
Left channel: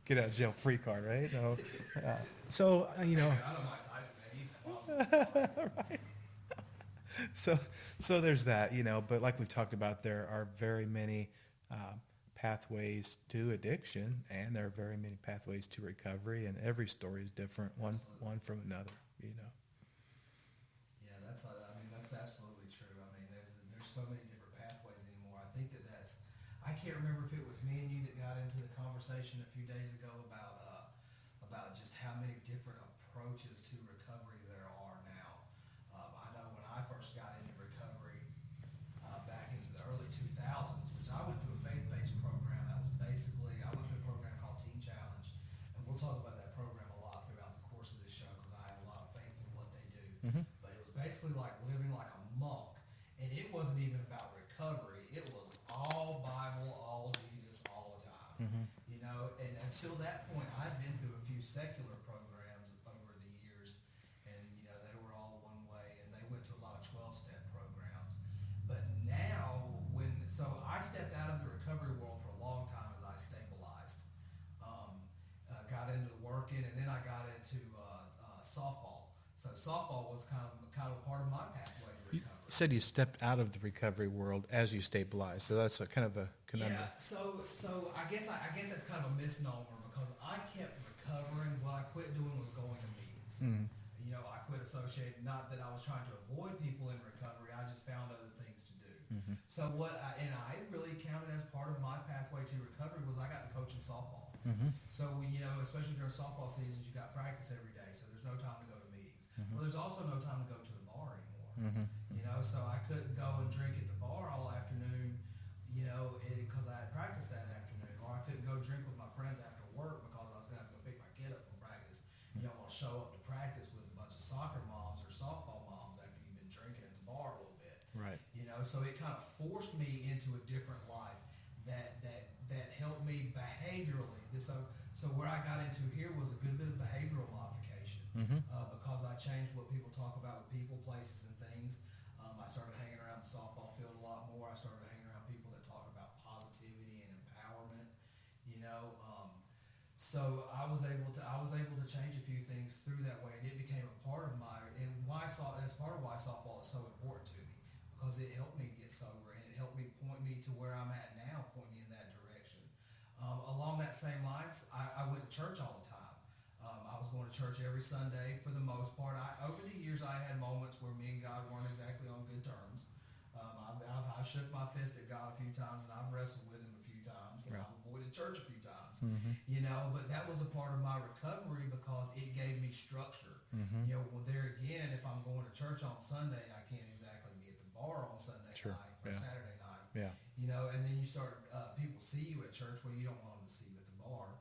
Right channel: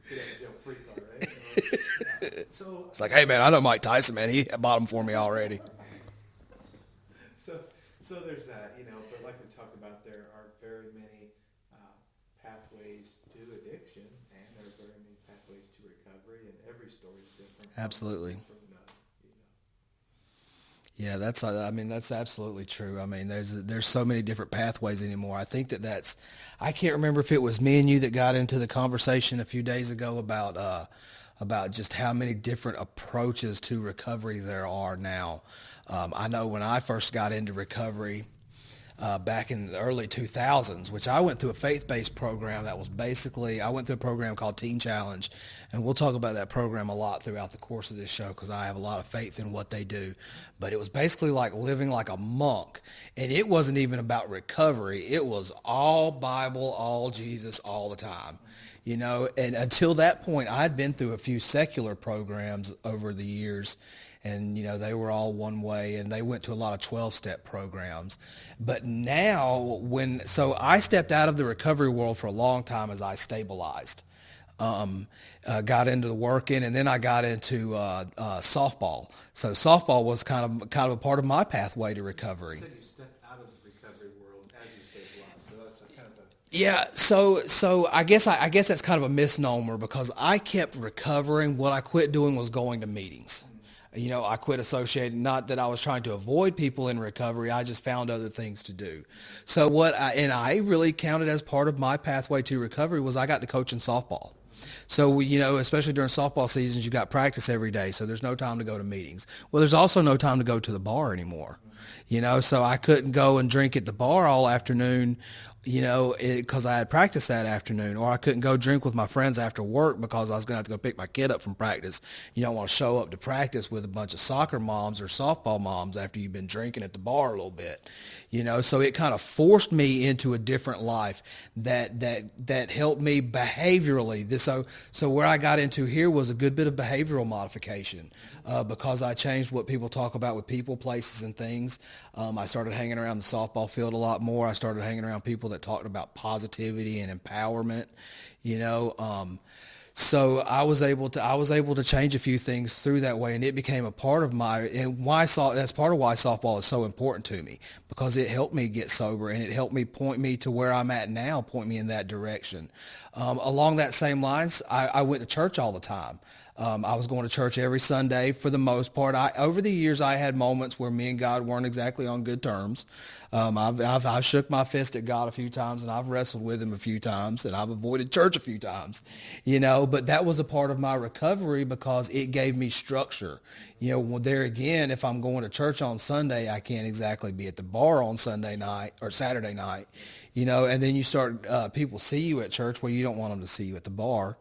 Get out of jail free card, right? So It's like, hey man, I know Mike Tyson, man. He hit bottom for me already. So there's that, but like we've talked about, there are very many pathways to addiction, and there are very many pathways to recovery, and every story is different. Absolutely. One from another, Yeah, that's absolutely true. I mean, there's so many different pathways anymore. I think I can't remember if it was me and you that got into the conversation a few days ago about just how many different approaches to recovery there are now. I know when I first got into recovery back in the early 2000s, which I went through a faith-based program that was basically, I went through a program called Teen Challenge, and we'll talk about that program a lot throughout the course of this show because I have a lot of faith in what they do. Mm-hmm. But it was basically like living like a monk, and it wasn't even about recovery. It was all Bible, all Jesus, all the time. Mm-hmm. And until that point, I'd been through a few secular programs over the years, and they were all one way, and they went to a lot of 12-step programs. But now, so I stepped out of the recovery world for a long time as I stabilized. Got into the working, and then I got into softball. So softball was kind of a part of my pathway to recovery. You said you stepped out of the recovery world as you stabilized, so that's kind of a yeah. So I guess that's kind of a misnomer because I kept recovering. What I quit doing was going to meetings. I quit associating, not that I was trying to avoid people in recovery. I just found other things to do. Mm-hmm. So I really counted as part of my pathway to recovery was I got to coaching softball. Mm-hmm. So, especially during softball seasons, you got practice every day. So there's no time to go to meetings. Mm-hmm. Well, there's also no time to go to the bar anymore. Mm-hmm. So I couldn't go and drink at the bar all afternoon, because I had practice that afternoon, or I couldn't go drink with my friends after work because I was going to have to go pick my kid up from practice. You don't want to show up to practice with a bunch of soccer moms or softball moms after you've been drinking at the bar a little bit. Right. So it kind of forced me into a different life that helped me behaviorally. So where I got into here was a good bit of behavioral modification because I changed what people talk about with people, places, and things. I started hanging around the softball field a lot more. I started hanging around people that talked about positivity and empowerment, so I was able to change a few things through that way, and it became a part of that's part of why softball is so important to me because it helped me get sober and it helped me point me to where I'm at now, point me in that direction. Along that same lines, I went to church all the time. I was going to church every Sunday for the most part. Over the years, I had moments where me and God weren't exactly on good terms. I've shook my fist at God a few times, and I've wrestled with him a few times, and I've avoided church a few times, but that was a part of my recovery because it gave me structure. Well, there again, if I'm going to church on Sunday, I can't exactly be at the bar on Sunday night or Saturday night, and then you start, people see you at church where you don't want them to see you at the bar.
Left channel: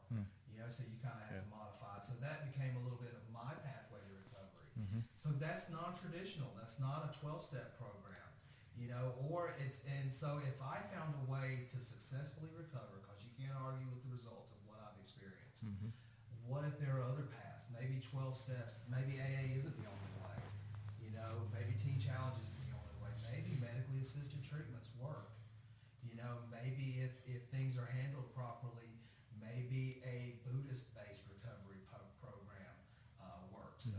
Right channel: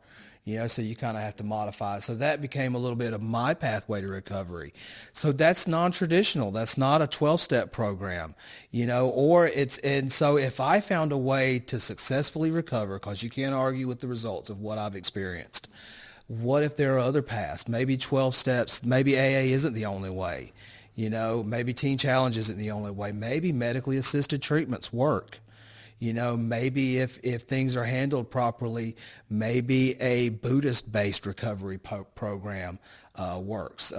So you kind of have to modify. So that became a little bit of my pathway to recovery. So that's non-traditional. That's not a 12-step program, and so if I found a way to successfully recover, because you can't argue with the results of what I've experienced, what if there are other paths? Maybe 12 steps, maybe AA isn't the only way. Maybe Teen Challenge isn't the only way. Maybe medically assisted treatments work. Maybe if things are handled properly, maybe a Buddhist-based recovery program works.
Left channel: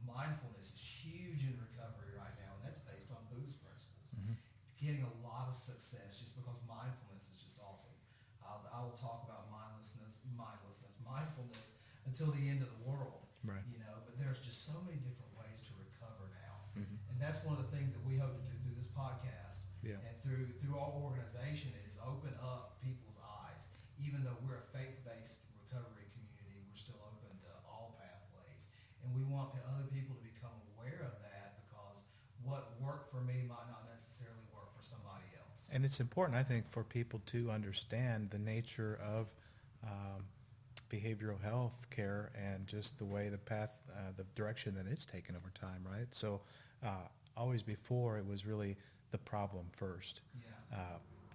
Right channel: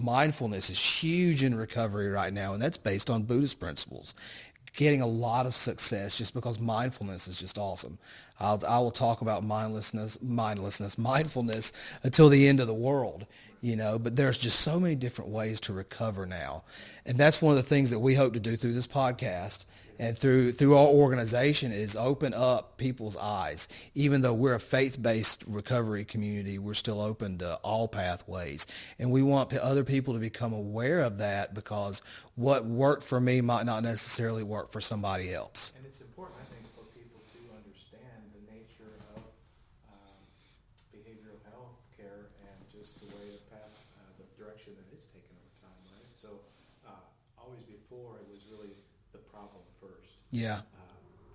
Mindfulness is huge in recovery right now, and that's based on Buddhist principles. Getting a lot of success just because mindfulness is just awesome. I will talk about mindfulness until the end of the world, but there's just so many different ways to recover now. And that's one of the things that we hope to do through this podcast and through our organization is open up people's eyes. Even though we're a faith-based recovery community, we're still open to all pathways. And we want other people to become aware of that because what worked for me might not necessarily work for somebody else. And it's important, I think, for people to understand the nature of behavioral health care and just the way the direction that it's taken over time, right? So always before, it was really the problem first. Yeah.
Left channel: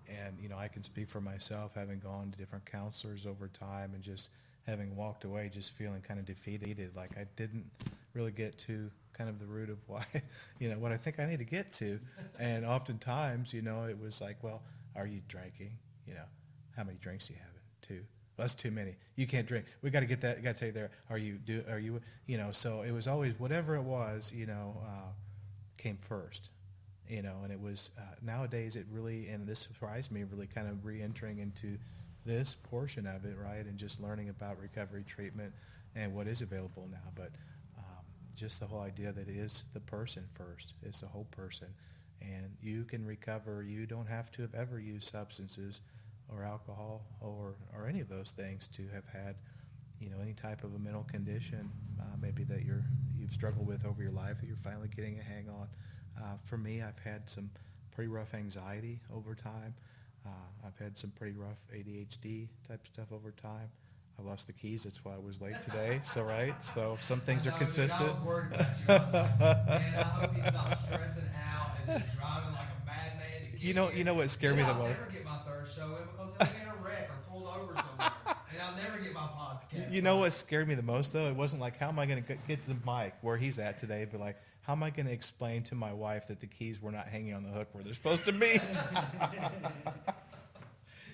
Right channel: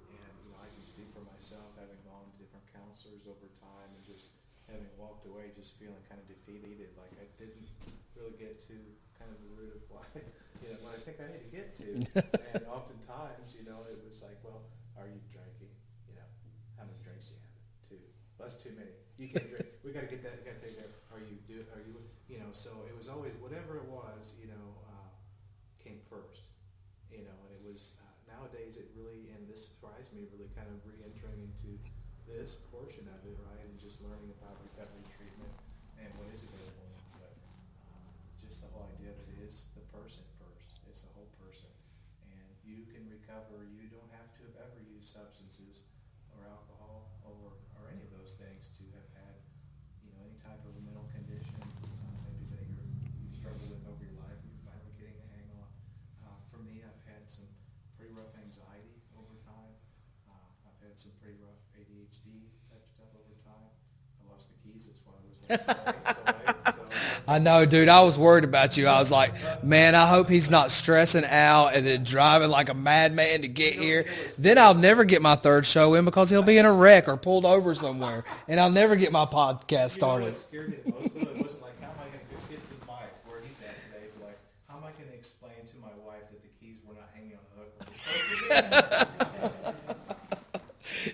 And, I can speak for myself, having gone to different counselors over time and just having walked away just feeling kind of defeated, like I didn't really get to kind of the root of why, what I think I need to get to. And oftentimes, it was like, well, are you drinking? How many drinks do you have? 2. Well, that's too many. You can't drink. We got to get that. Got to tell you there. Are you? So it was always whatever it was. Came first. And it was nowadays it really, and this surprised me, really kind of re-entering into this portion of it, right, and just learning about recovery treatment and what is available now. But just the whole idea that it is the person first. It's the whole person. And you can recover. You don't have to have ever used substances or alcohol or any of those things to have had, any type of a mental condition, maybe that you've struggled with over your life that you're finally getting a hang on. For me, I've had some pretty rough anxiety over time. I've had some pretty rough ADHD type stuff over time. I lost the keys. That's why I was late today. So I know, dude. I was worried about you. I was like, man, I hope he's not stressing out and then driving like a madman to get here. Then I'll never get my third show in because he'll be in a wreck or pulled over somewhere, and I'll never get my podcast started. You know what scared me the most, though? It wasn't like, how am I going to get to the mic where he's at today, but like, how am I going to explain to my wife that the keys were not hanging on the hook where they're supposed to be?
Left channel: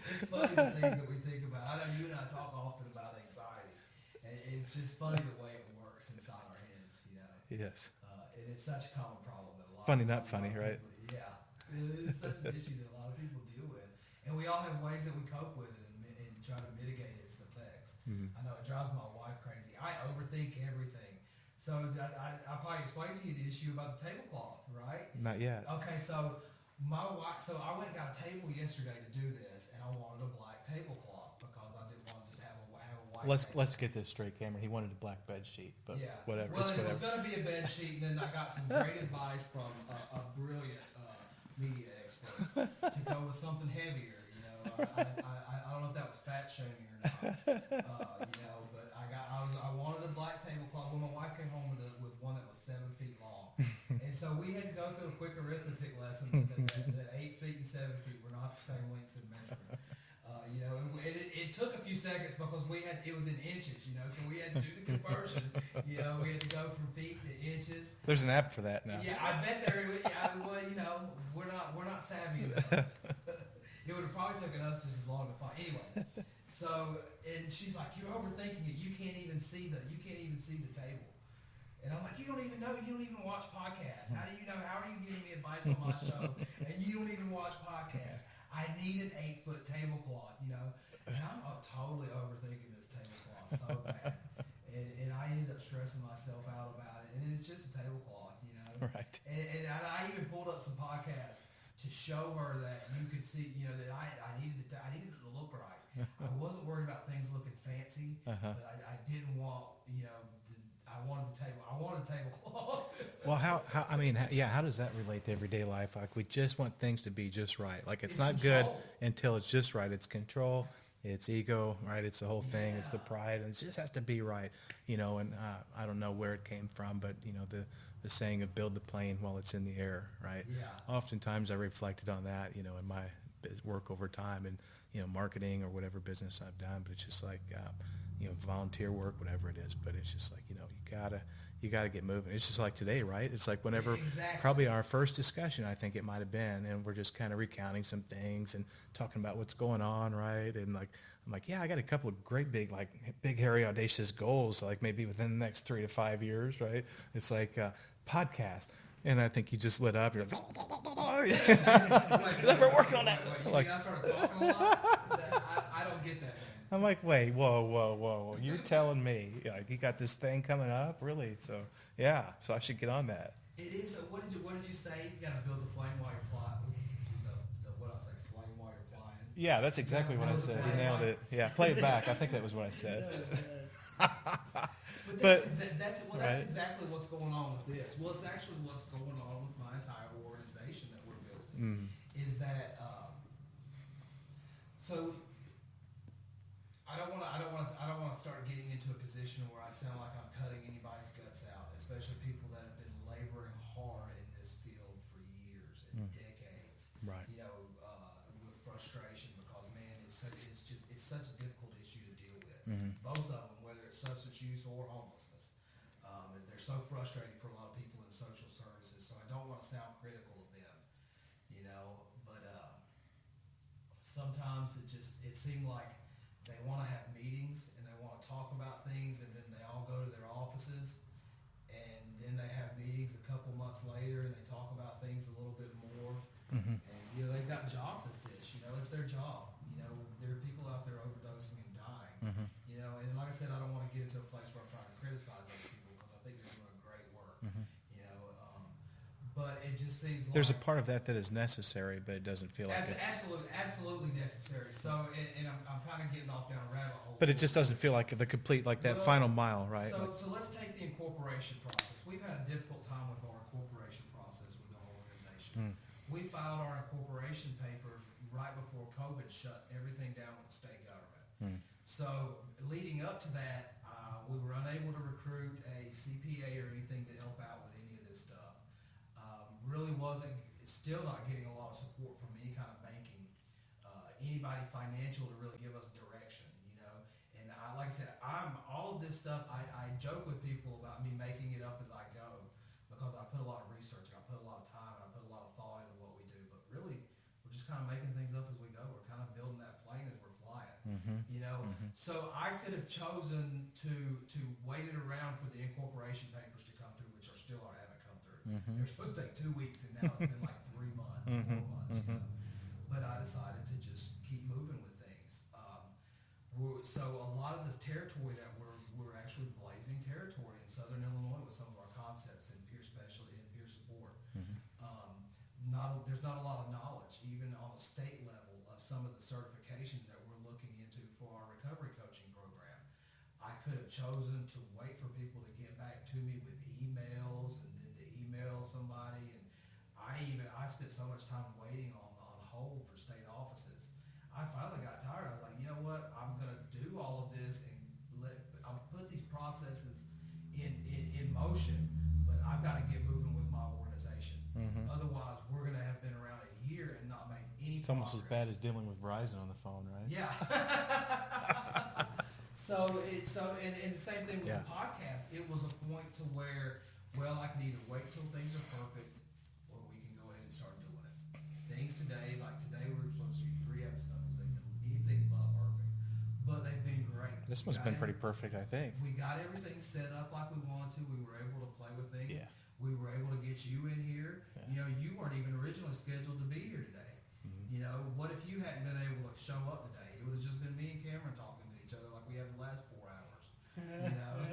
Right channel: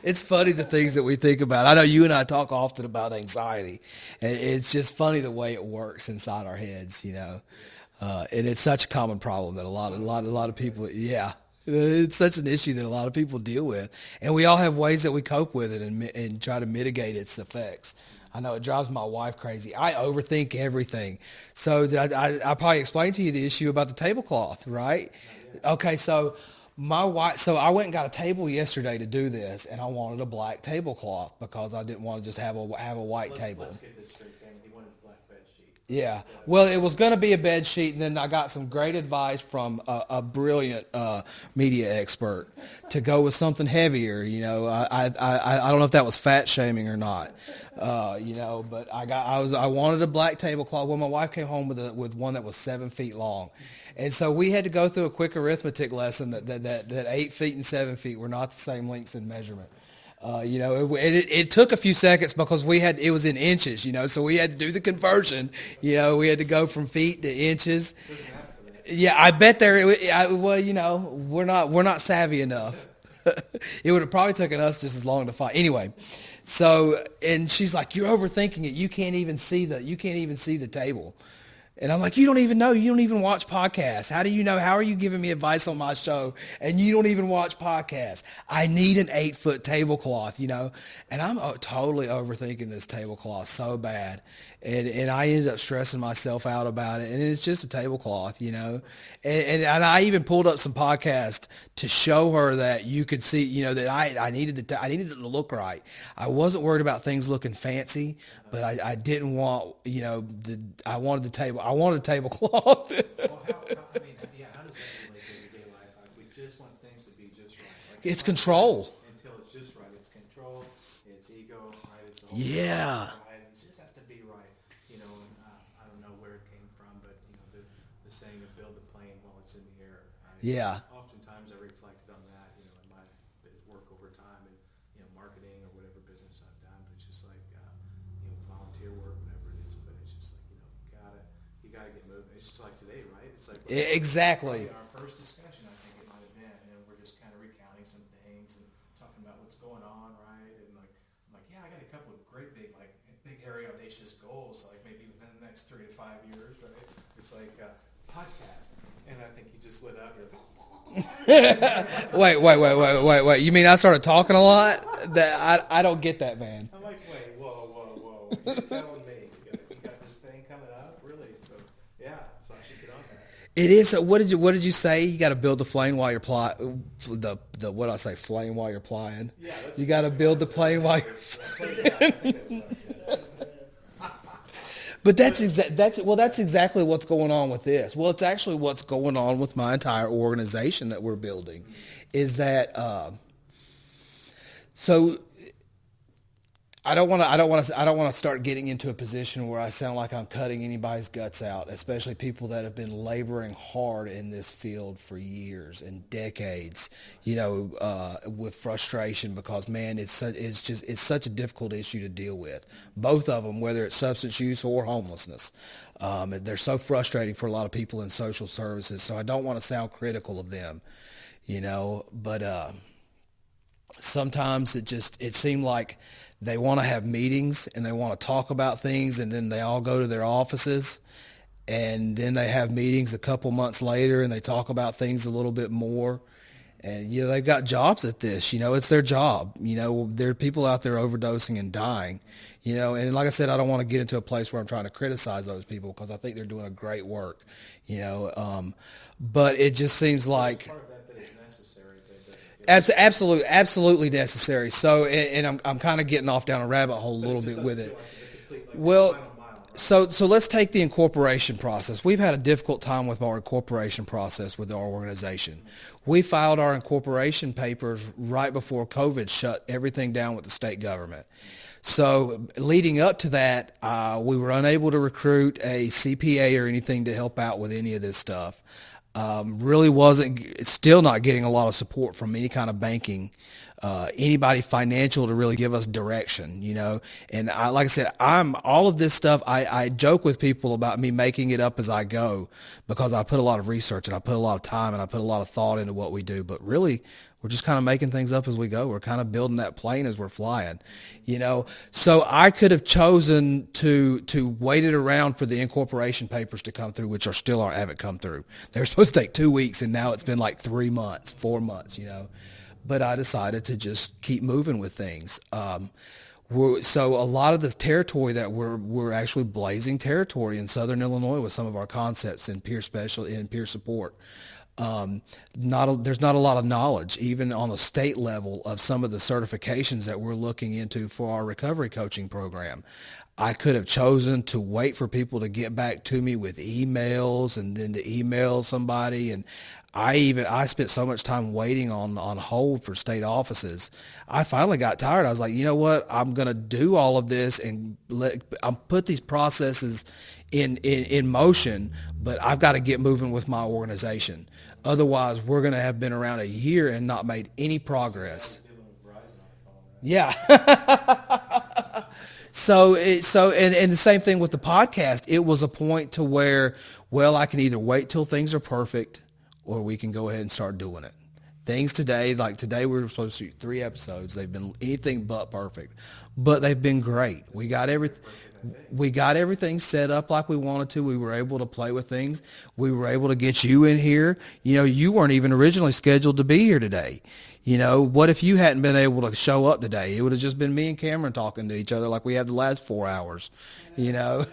It's funny the things that we think about. I know you and I talk often about anxiety, and it's just funny the way it works inside our heads, and it's such a common problem that a lot of people, right? Yeah, it's such an issue that a lot of people deal with, and we all have ways that we cope with it and try to mitigate its effects. I know it drives my wife crazy. I overthink everything. So I probably explained to you the issue about the tablecloth, right? Not yet. Okay, so my wife, so I went and got a table yesterday to do this, and I wanted a black tablecloth because I didn't want to just have a white table. Let's get this straight, Cameron. He wanted a black bed sheet. Yeah. Whatever. Well, it was going to be a bed sheet, and then I got some great advice from a brilliant media expert to go with something heavier. I don't know if that was fat shaming or not. But I wanted a black tablecloth. Well, my wife came home with one that was 7 feet long, and so we had to go through a quick arithmetic lesson that 8 feet and 7 feet were not the same lengths in measurement. It took a few seconds because it was in inches, so we had to do the conversion. We had to go from feet to inches. There's an app for that. Yeah, I bet we're not savvy enough. It would have probably taken us just as long to find. Anyway, so, and she's like, you're overthinking it. You can't even see the table. And I'm like, you don't even know. You don't even watch podcasts. How do you know? How are you giving me advice on my show? And you don't even watch podcasts. I need an 8-foot tablecloth, And I'm totally overthinking this tablecloth so bad. And I ended up stressing myself out about it, and it's just a tablecloth, Right. And I even pulled up some podcasts to show her that you could see, that I needed it to look right. I wasn't worried about things looking fancy, but I didn't want, I wanted a tablecloth. Well, how does that relate to everyday life? Like, we just want things to be just right. Like, It's not control. good until it's just right. It's control. It's ego, right? It's the whole thing. Yeah. It's the pride, and it just has to be right, And I don't know where it came from, but the saying of "build the plane while it's in the air," right? Yeah. Oftentimes, I reflected on that, in my work over time, and marketing or whatever business I've done. But it's just like, volunteer work, whatever it is. But it's just like, you gotta get moving. It's just like today, right? It's like whenever, Exactly. probably our first discussion, I think it might have been, and we're just kind of recounting some things and talking about what's going on, right? And like, I'm like, yeah, I got a couple of great big, hairy, audacious goals, like maybe within the next 3 to 5 years, right? It's like podcast. And I think you just lit up. You're like, Wait. You mean I started talking a lot? I don't get that, man. I'm like, wait, whoa. You telling me, you got this thing coming up? Really? So, yeah. So I should get on that. It is. What did you say? You got to build the flame while you're what I say, flame while you're flying. Yeah, that's you exactly got to build the what I plane said. while. Yeah, play it back. I think that was what I said. But that's exactly what's going on with this. Well, it's actually what's going on with my entire organization that we're building. Is that so? I don't want to start getting into a position where I sound like I'm cutting anybody's guts out, especially people that have been laboring hard in this field for years and decades. Right. With frustration because, man, it's such a difficult issue to deal with. Both of them, whether it's substance use or homelessness, they're so frustrating for a lot of people in social services. So I don't want to sound critical of them, but sometimes it seemed like they want to have meetings and they want to talk about things, and then they all go to their offices, and then they have meetings a couple months later and they talk about things a little bit more. And they've got jobs at this. It's their job. There are people out there overdosing and dying. And like I said, I don't want to get into a place where I'm trying to criticize those people because I think they're doing a great work. But it just seems like there's a part of that is necessary, but it doesn't feel absolutely necessary. So, and I'm kind of getting off down a rabbit hole a little bit with it. But it just doesn't feel like the complete, that final mile, right? So let's take the incorporation process. We've had a difficult time with our incorporation process with our organization. We filed our incorporation papers right before COVID shut everything down with the state government. So leading up to that, we were unable to recruit a CPA or anything to help out with any of this stuff. Still not getting a lot of support from any kind of banking, anybody financial to really give us direction, And like I said, all of this stuff, I joke with people about me making it up as I go because I put a lot of research and I put a lot of time and I put a lot of thought into what we do. But really, we're just kind of making things up as we go. We're kind of building that plane as we're flying, So I could have chosen to wait it around for the incorporation papers to come through, which haven't come through. They're supposed to take 2 weeks, and now it's been like 3 months, 4 months, But I decided to just keep moving with things. So a lot of the territory that we're actually blazing territory in Southern Illinois with some of our concepts in peer support. There's not a lot of knowledge, even on a state level, of some of the certifications that we're looking into for our recovery coaching program. I could have chosen to wait for people to get back to me with emails and then to email somebody. And I spent so much time waiting on hold for state offices. I finally got tired. I was like, you know what? I'm going to do all of this and I'll put these processes in motion, but I've got to get moving with my organization. Otherwise, we're going to have been around a year and not made any progress. Dealing with Verizon on the phone, right? Yeah. And the same thing with the podcast. It was a point to where, I can either wait till things are perfect or we can go ahead and start doing it. Things today, like today we were supposed to shoot 3 episodes. They've been anything but perfect, but they've been great. We got everything set up like we wanted to. We were able to play with things. We were able to get you in here. You weren't even originally scheduled to be here today. You know, what if you hadn't been able to show up today? It would have just been me and Cameron talking to each other like we had the last 4 hours, you know.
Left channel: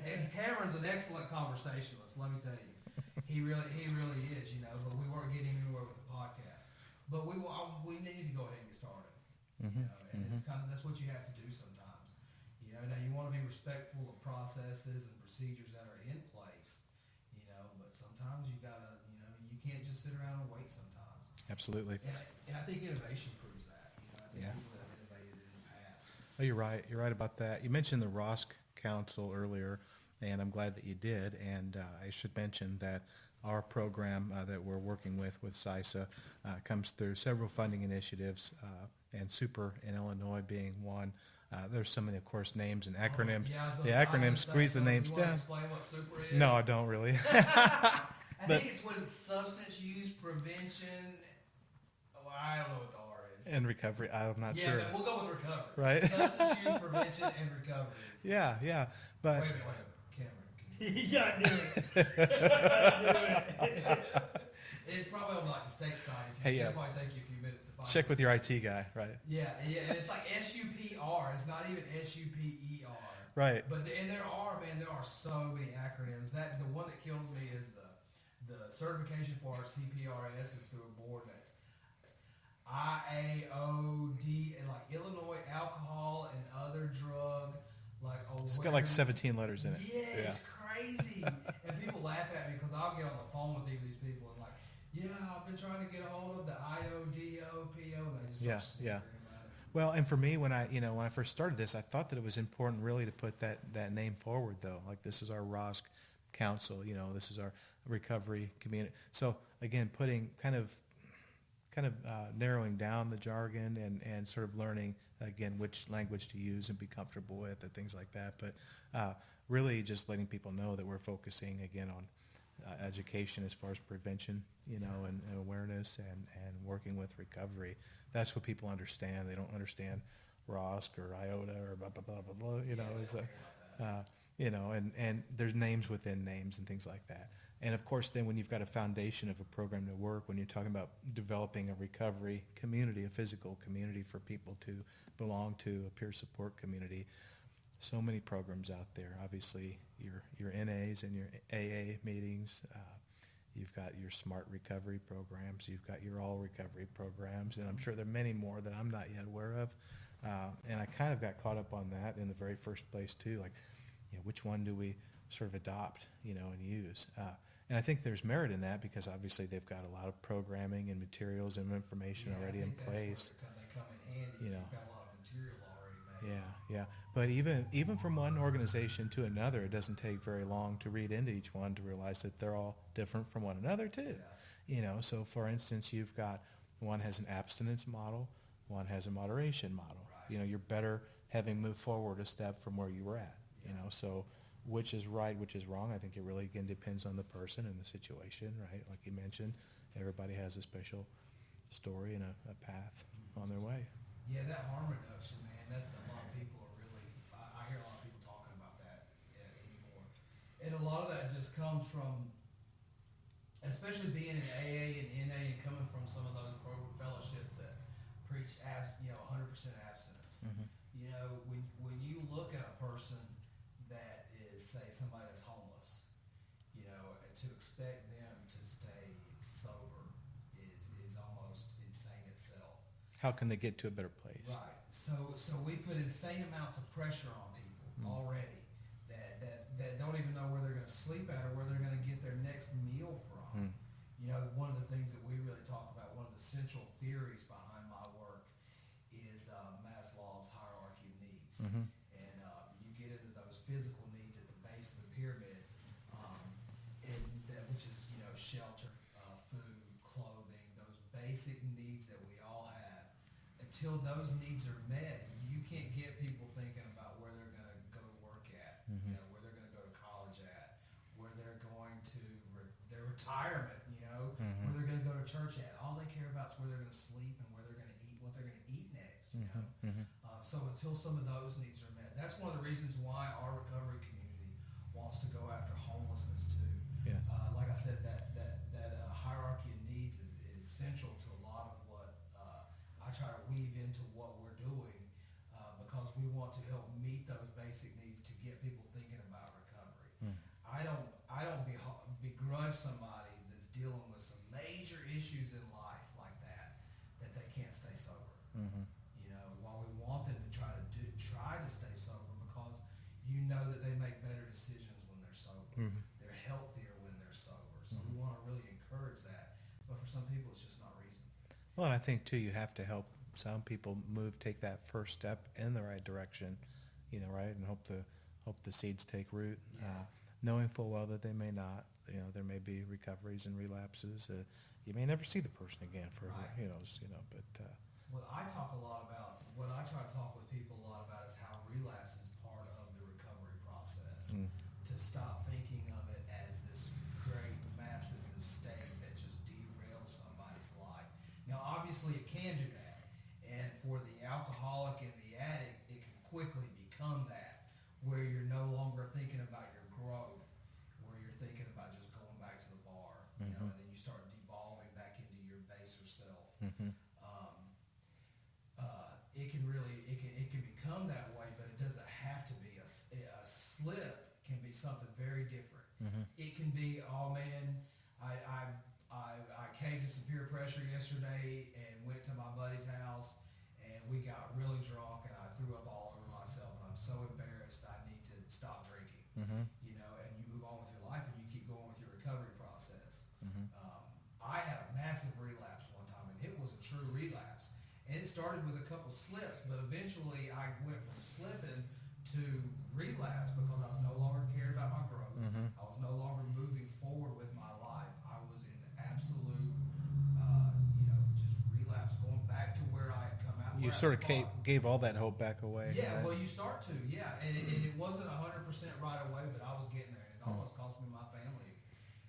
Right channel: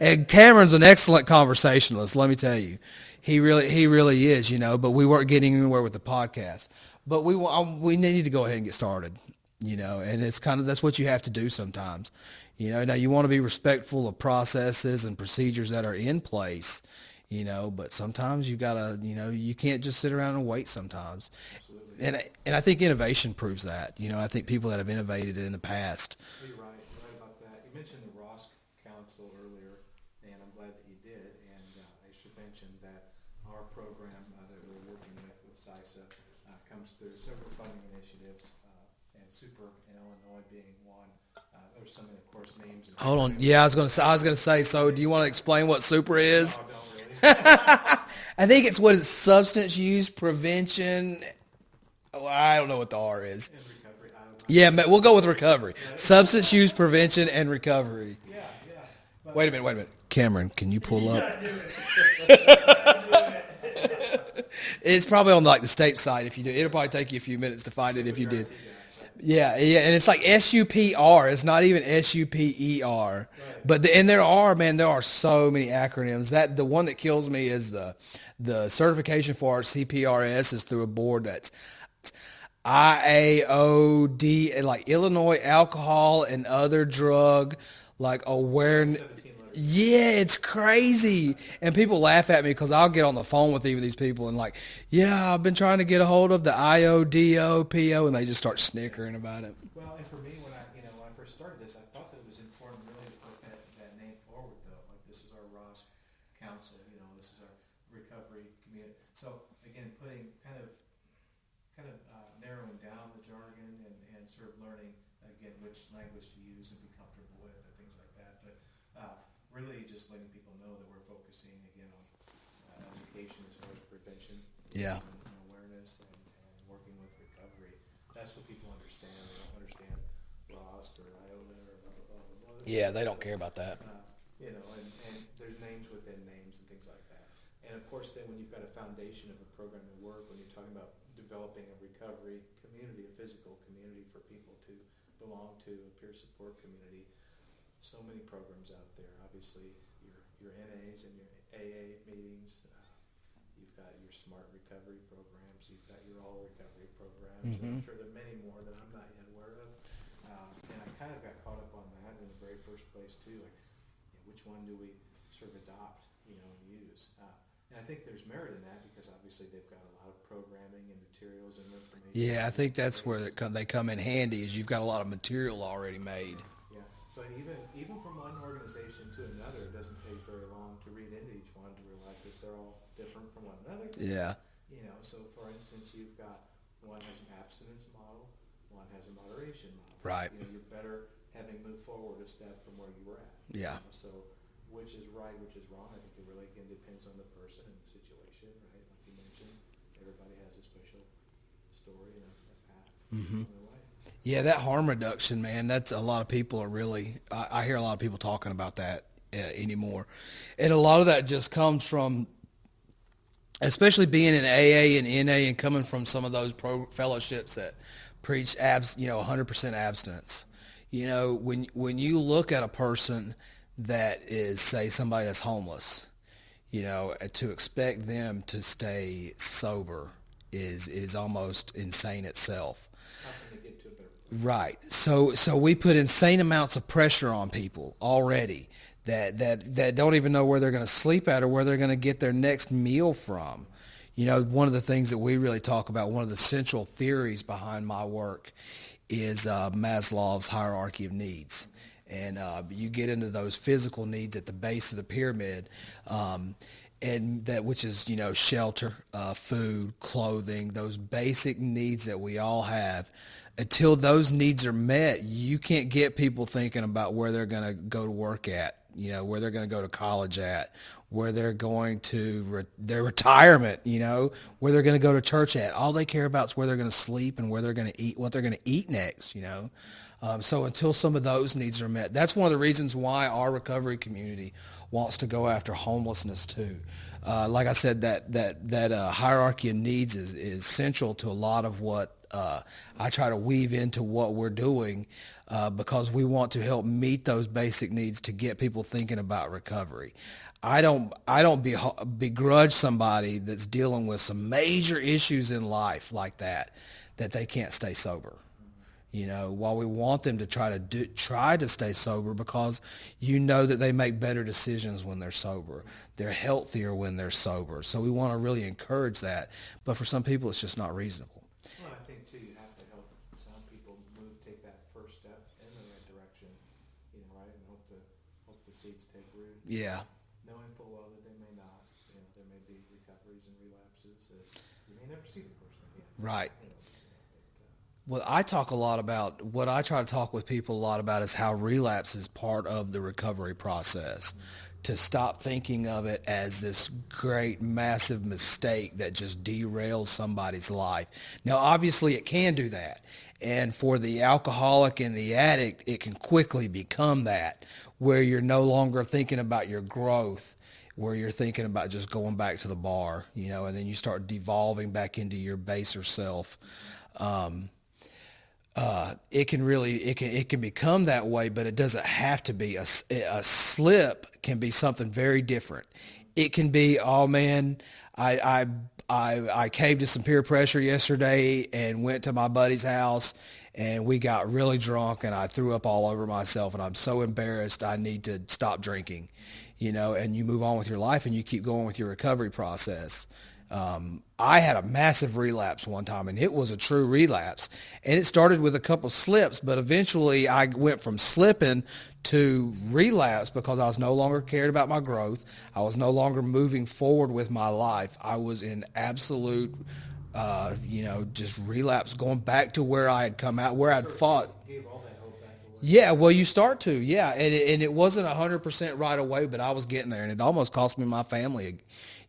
And Cameron's an excellent conversationalist, let me tell you. He really is, you know, but we weren't getting anywhere with the podcast. But we need to go ahead and get started, you know, and it's that's what you have to do sometimes. You know, now you want to be respectful of processes and procedures that are in place, you know, but sometimes you gotta, you know, you can't just sit around and wait sometimes. Absolutely. And I think innovation proves that. You know, I think people that have innovated in the past. Oh, you're right. You're right about that. You mentioned the ROSC Council earlier, and I'm glad that you did. And I should mention that our program that we're working with CISA comes through several funding initiatives, and Super in Illinois being one. There's so many, of course, names and acronyms. Hold on. Yeah, I was going to say. So, do you want to explain what Super is? No, I don't really. I think it's substance use prevention. Oh, I don't know what the R is. And recovery. I'm not Yeah, sure. but we'll go with recovery. Right. Substance use prevention and recovery. Yeah. But Wait a minute. Cameron, can you pull up? It's probably on like the state site. If you do, it'll probably take you a few minutes to find check it with if you your did. IT guy, right? Yeah, and it's like SUPR. It's not even SUPER. Right. But there are so many acronyms. That the one that kills me is the certification for our CPRS is through a board that's IAOD, like Illinois Alcohol and Other Drug like awareness. Like 17 letters. Yeah, it's crazy. And people laugh at me because I'll get on the phone with even these people and like, yeah, I've been trying to get a hold of the IODOPO, and they just start snickering about it. Well, and for me, when I first started this, I thought that it was important really to put that name forward, though. Like, this is our ROSC Council, you know, this is our recovery community. So again, putting kind of narrowing down the jargon and sort of learning again which language to use and be comfortable with and things like that. But really just letting people know that we're focusing again on education as far as prevention, you know, and awareness and working with recovery. That's what people understand. They don't understand ROSC or IOTA or blah, blah, blah, blah, blah. Yeah, they don't care about that. You know, and there's names within names and things like that. And of course, then when you've got a foundation of a program to work, when you're talking about developing a recovery community, a physical community for people to belong to, a peer support community, so many programs out there. Obviously, your NAs and your AA meetings. You've got your SMART recovery programs. You've got your all recovery programs. And I'm sure there are many more that I'm not yet aware of. And I kind of got caught up on that in the very first place too. Like, you know, which one do we sort of adopt, you know, and use? And I think there's merit in that because obviously they've got a lot of programming and materials and information. Yeah, I think that's where they come in handy is you've got a lot of material already made. Yeah. But even from one organization to another, it doesn't take very long to read into each one to realize that they're all different from one another too. Yeah. You know, so for instance, you've got one has an abstinence model, one has a moderation model. Right. You know, you're better having moved forward a step from where you were at. Yeah. You know, so which is right, which is wrong, I think it really again depends on the person and the situation, right? Like you mentioned, everybody has a special story and a path on their way. Yeah, that harm reduction, man, that's a lot of people are really, I hear a lot of people talking about that anymore. And a lot of that just comes from, especially being in AA and NA and coming from some of those fellowships that preach 100% abstinence. You know, when you look at a person that is, say, somebody that's homeless, you know, to expect them to stay sober is almost insane itself. How can they get to a better place? Right. So we put insane amounts of pressure on people already that don't even know where they're going to sleep at or where they're going to get their next meal from. You know, one of the things that we really talk about, one of the central theories behind my work is Maslow's hierarchy of needs. And you get into those physical needs at the base of the pyramid, and that which is, you know, shelter, food, clothing, those basic needs that we all have. Until those needs are met, you can't get people thinking about where they're going to go to work at, you know, where they're going to go to college at, where they're going to their retirement, you know, where they're going to go to church at. All they care about is where they're going to sleep and where they're going to eat, what they're going to eat next, you know. So until some of those needs are met, that's one of the reasons why our recovery community wants to go after homelessness too. Like I said, that hierarchy of needs is central to a lot of what I try to weave into what we're doing because we want to help meet those basic needs to get people thinking about recovery. I don't begrudge somebody that's dealing with some major issues in life like that they can't stay sober. You know, while we want them to try to stay sober, because you know that they make better decisions when they're sober. They're healthier when they're sober. So we want to really encourage that. But for some people, it's just not reasonable. Well, and I think too, you have to help some people take that first step in the right direction, you know, right, and hope the seeds take root. Yeah. Knowing full well that they may not, you know, there may be recoveries and relapses that you may never see the person again. Right. You know, but. Well, I talk a lot about, what I try to talk with people a lot about is how relapse is part of the recovery process. To stop thinking of it as this great, massive mistake that just derails somebody's life. Now, obviously, it can do that. And for the alcoholic and the addict, it can quickly become that, where you're no longer thinking about your growth, where you're thinking about just going back to the bar, you know, and then you start devolving back into your baser self. It can become that way, but it doesn't have to be. A slip can be something very different. It can be, oh man, I caved to some peer pressure yesterday and went to my buddy's house and we got really drunk and I threw up all over myself and I'm so embarrassed I need to stop drinking, you know, and you move on with your life and you keep going with your recovery process. I had a massive relapse one time, and it was a true relapse. And it started with a couple slips, but eventually I went from slipping to relapse because I was no longer cared about my growth. I was no longer moving forward with my life. I was in absolute, just relapse, going back to where I had come out, where I'd fought. Gave all that hope back away. Yeah, well, you start to, yeah. And it wasn't 100% right away, but I was getting there, and it almost cost me my family,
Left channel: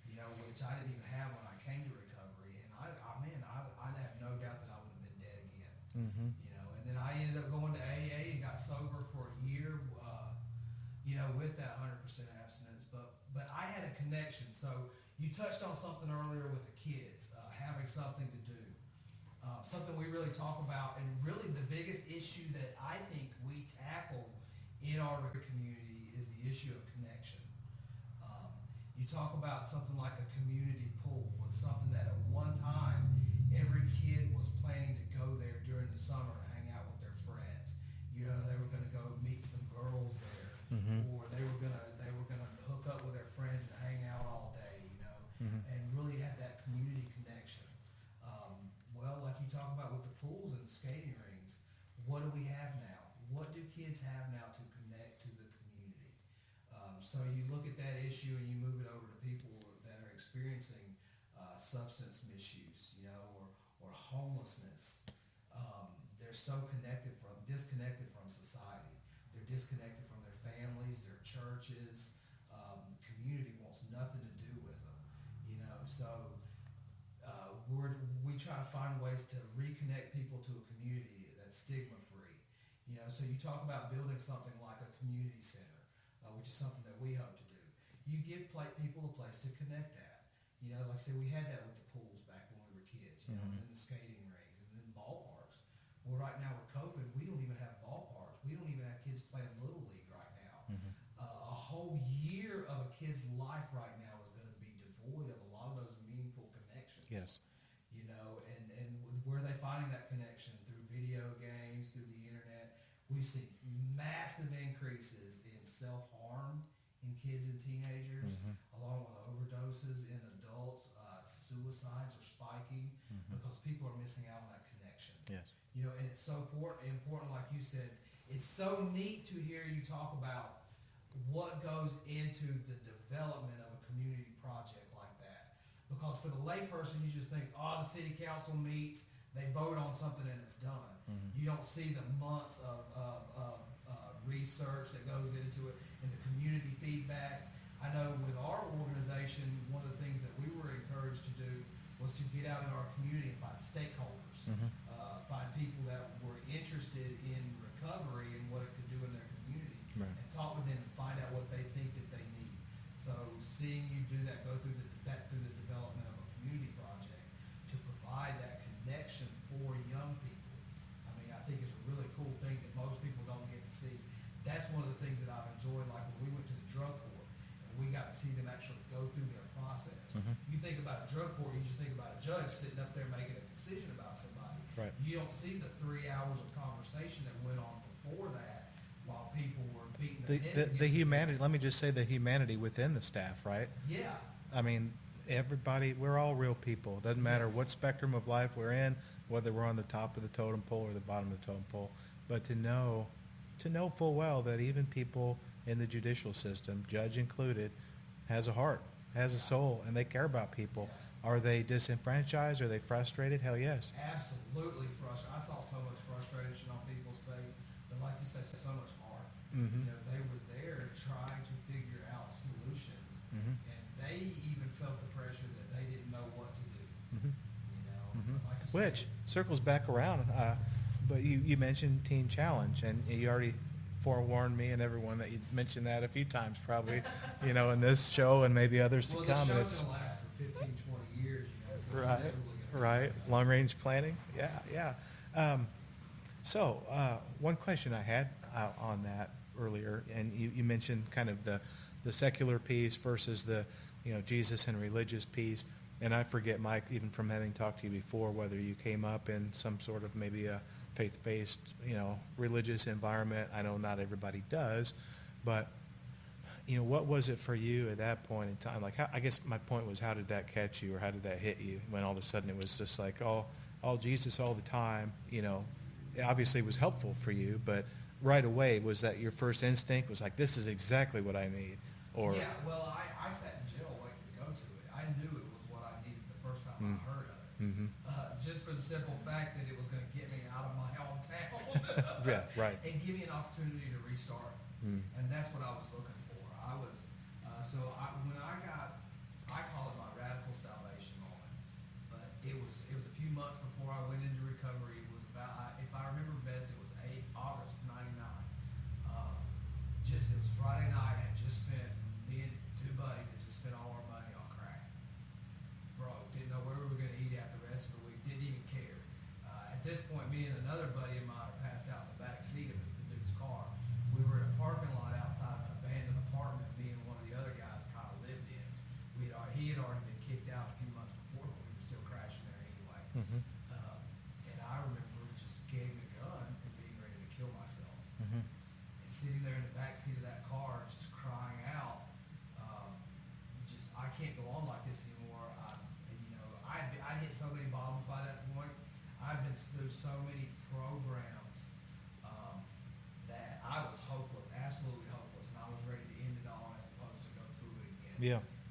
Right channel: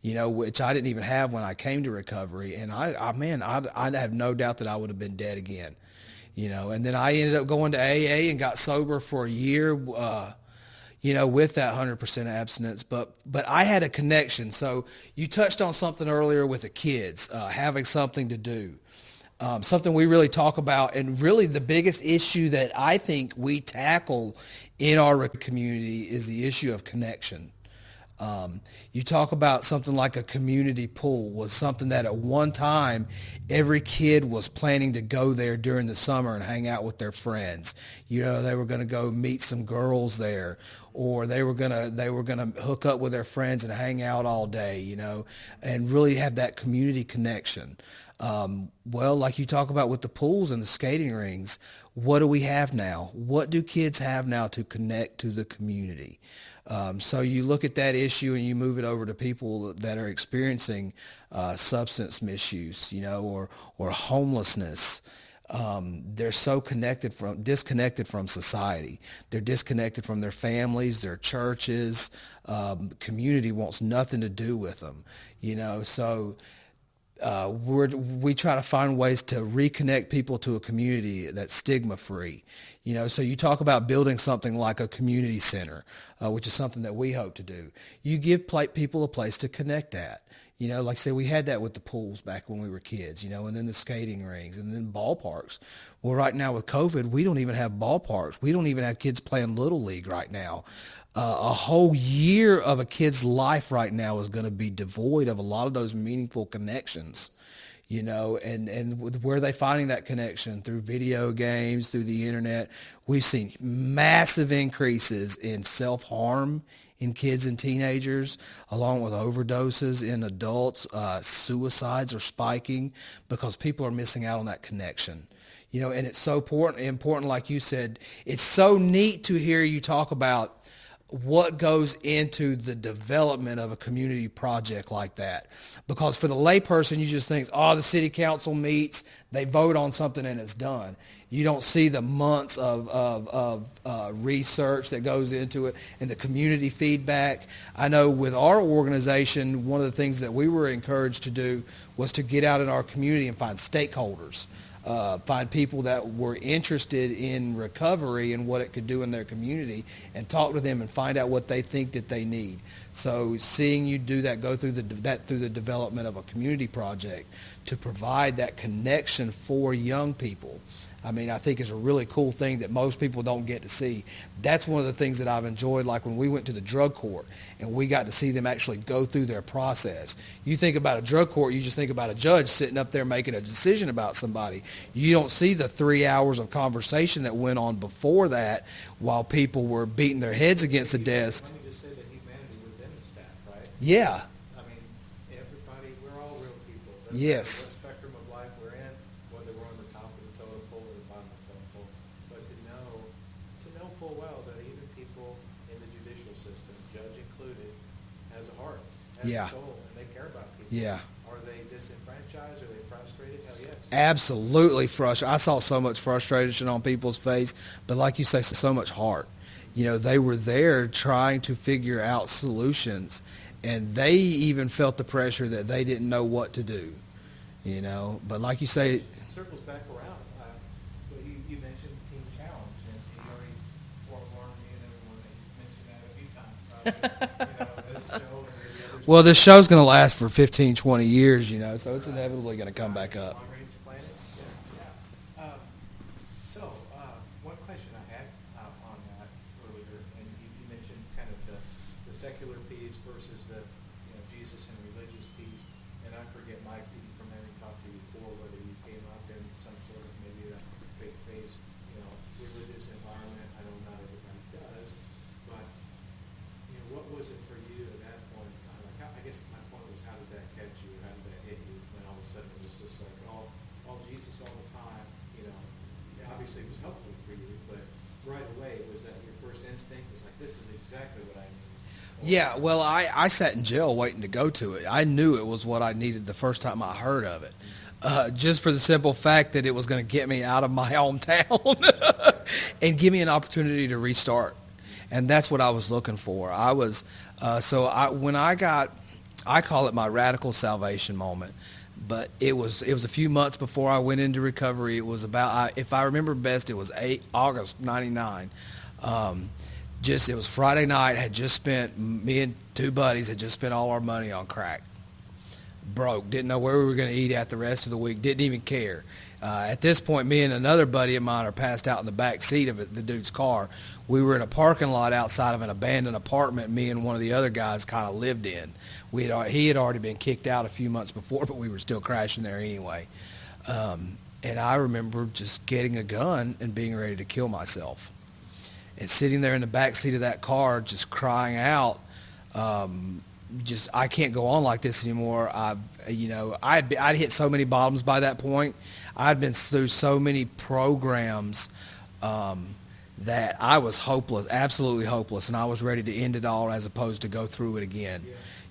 you know, which I didn't even have when I came to recovery. And I have no doubt that I would have been dead again, you know. And then I ended up going to AA and got sober for a year, with that 100% abstinence. But I had a connection. So you touched on something earlier with the kids, having something to do. Something we really talk about, and really the biggest issue that I think we tackle in our community is the issue of connection. You talk about something like a community pool was something that at one time every kid was planning to go there during the summer and hang out with their friends. You know, they were going to go meet some girls there, or they were going to hook up with their friends and hang out all day, you know, and really have that community connection. Well, like you talk about with the pools and the skating rings, what do we have now? What do kids have now to connect to the community? So you look at that issue and you move it over to people that are experiencing substance misuse, you know, or homelessness. They're so disconnected from society. They're disconnected from their families, their churches. Community wants nothing to do with them, you know. So we try to find ways to reconnect people to a community that's stigma-free. You know, so you talk about building something like a community center, which is something that we hope to do. You give people a place to connect at. You know, like I say, we had that with the pools back when we were kids, you know, and then the skating rings and then ballparks. Well, right now with COVID, we don't even have ballparks. We don't even have kids playing Little League right now. A whole year of a kid's life right now is going to be devoid of a lot of those meaningful connections. Yes. You know, and where are they finding that connection? Through video games, through the internet. We've seen massive increases in self-harm in kids and teenagers, along with overdoses in adults. Suicides are spiking because people are missing out on that connection. Yeah. You know, and it's so important, like you said, it's so neat to hear you talk about what goes into the development of a community project like that. Because for the layperson, you just think, oh, the city council meets, they vote on something and it's done. You don't see the months of research that goes into it and the community feedback. I know with our organization, one of the things that we were encouraged to do was to get out in our community and find stakeholders, find people that were interested in recovery and what it could do in their community, and talk to them and find out what they think that they need. So seeing you do that, go through the development of a community project to provide that connection for young people, I mean, I think is a really cool thing that most people don't get to see. That's one of the things that I've enjoyed, like when we went to the drug court and we got to see them actually go through their process. You think about a drug court, you just think about a judge sitting up there making a decision about somebody. Right. You don't see the 3 hours of conversation that went on before that while people were beating their heads against the desk. Let me just say the humanity within the staff, right? Yeah. I mean, everybody, we're all real people. Doesn't Yes. matter what spectrum of life we're in, whether we're on the top of the totem pole or the bottom of the totem pole. But to know full well that even people in the judicial system, judge included, has a heart, has Yeah. a soul, and they care about people. Yeah. Are they disenfranchised? Are they frustrated? Hell yes. Absolutely frustrated. I saw so much frustration on people's face, but like you say, so much heart. Mm-hmm. You know, they were there trying to figure out solutions, and they even felt the pressure that they didn't know what to do. You know, but like you say, Which circles back around. But you mentioned Teen Challenge, and you already forewarned me and everyone that you mentioned that a few times probably, in this show and maybe others. well, this show's going to last for 15, 20 years, so it's Right. inevitably going to come back up. Long-range planning, yeah. So one question I had on that earlier, and you mentioned kind of the secular piece versus the Jesus and religious piece. And I forget, Mike, even from having talked to you before, whether you came up in some sort of maybe a faith-based, religious environment. I know not everybody does, but what was it for you at that point in time? Like, I guess my point was, how did that catch you, or how did that hit you when all of a sudden it was just like, all Jesus all the time? Obviously it was helpful for you, but right away, was that your first instinct? Was like, this is exactly what I need? Or, yeah, well, I sat in jail waiting to go to it. I knew it was what I needed the first time I heard of it, just for the simple fact that it was going to get me out of my hometown right. and give me an opportunity to restart. And that's what I was looking for. I was, when I call it my radical salvation moment, but it was a few months before I went into recovery. It was about, if I remember best, it was August 99. It was Friday night. Me and two buddies had just spent all our money on crack. Broke. Didn't know where we were going to eat at the rest of the week. Didn't even care. At this point, me and another buddy of mine are passed out in the back seat of the dude's car. We were in a parking lot outside of an abandoned apartment me and one of the other guys kind of lived in. He had already been kicked out a few months before, but we were still crashing there anyway. And I remember just getting a gun and being ready to kill myself. And sitting there in the back seat of that car just crying out, I can't go on like this anymore. I'd hit so many bottoms by that point. I'd been through so many programs that I was hopeless, absolutely hopeless, and I was ready to end it all as opposed to go through it again.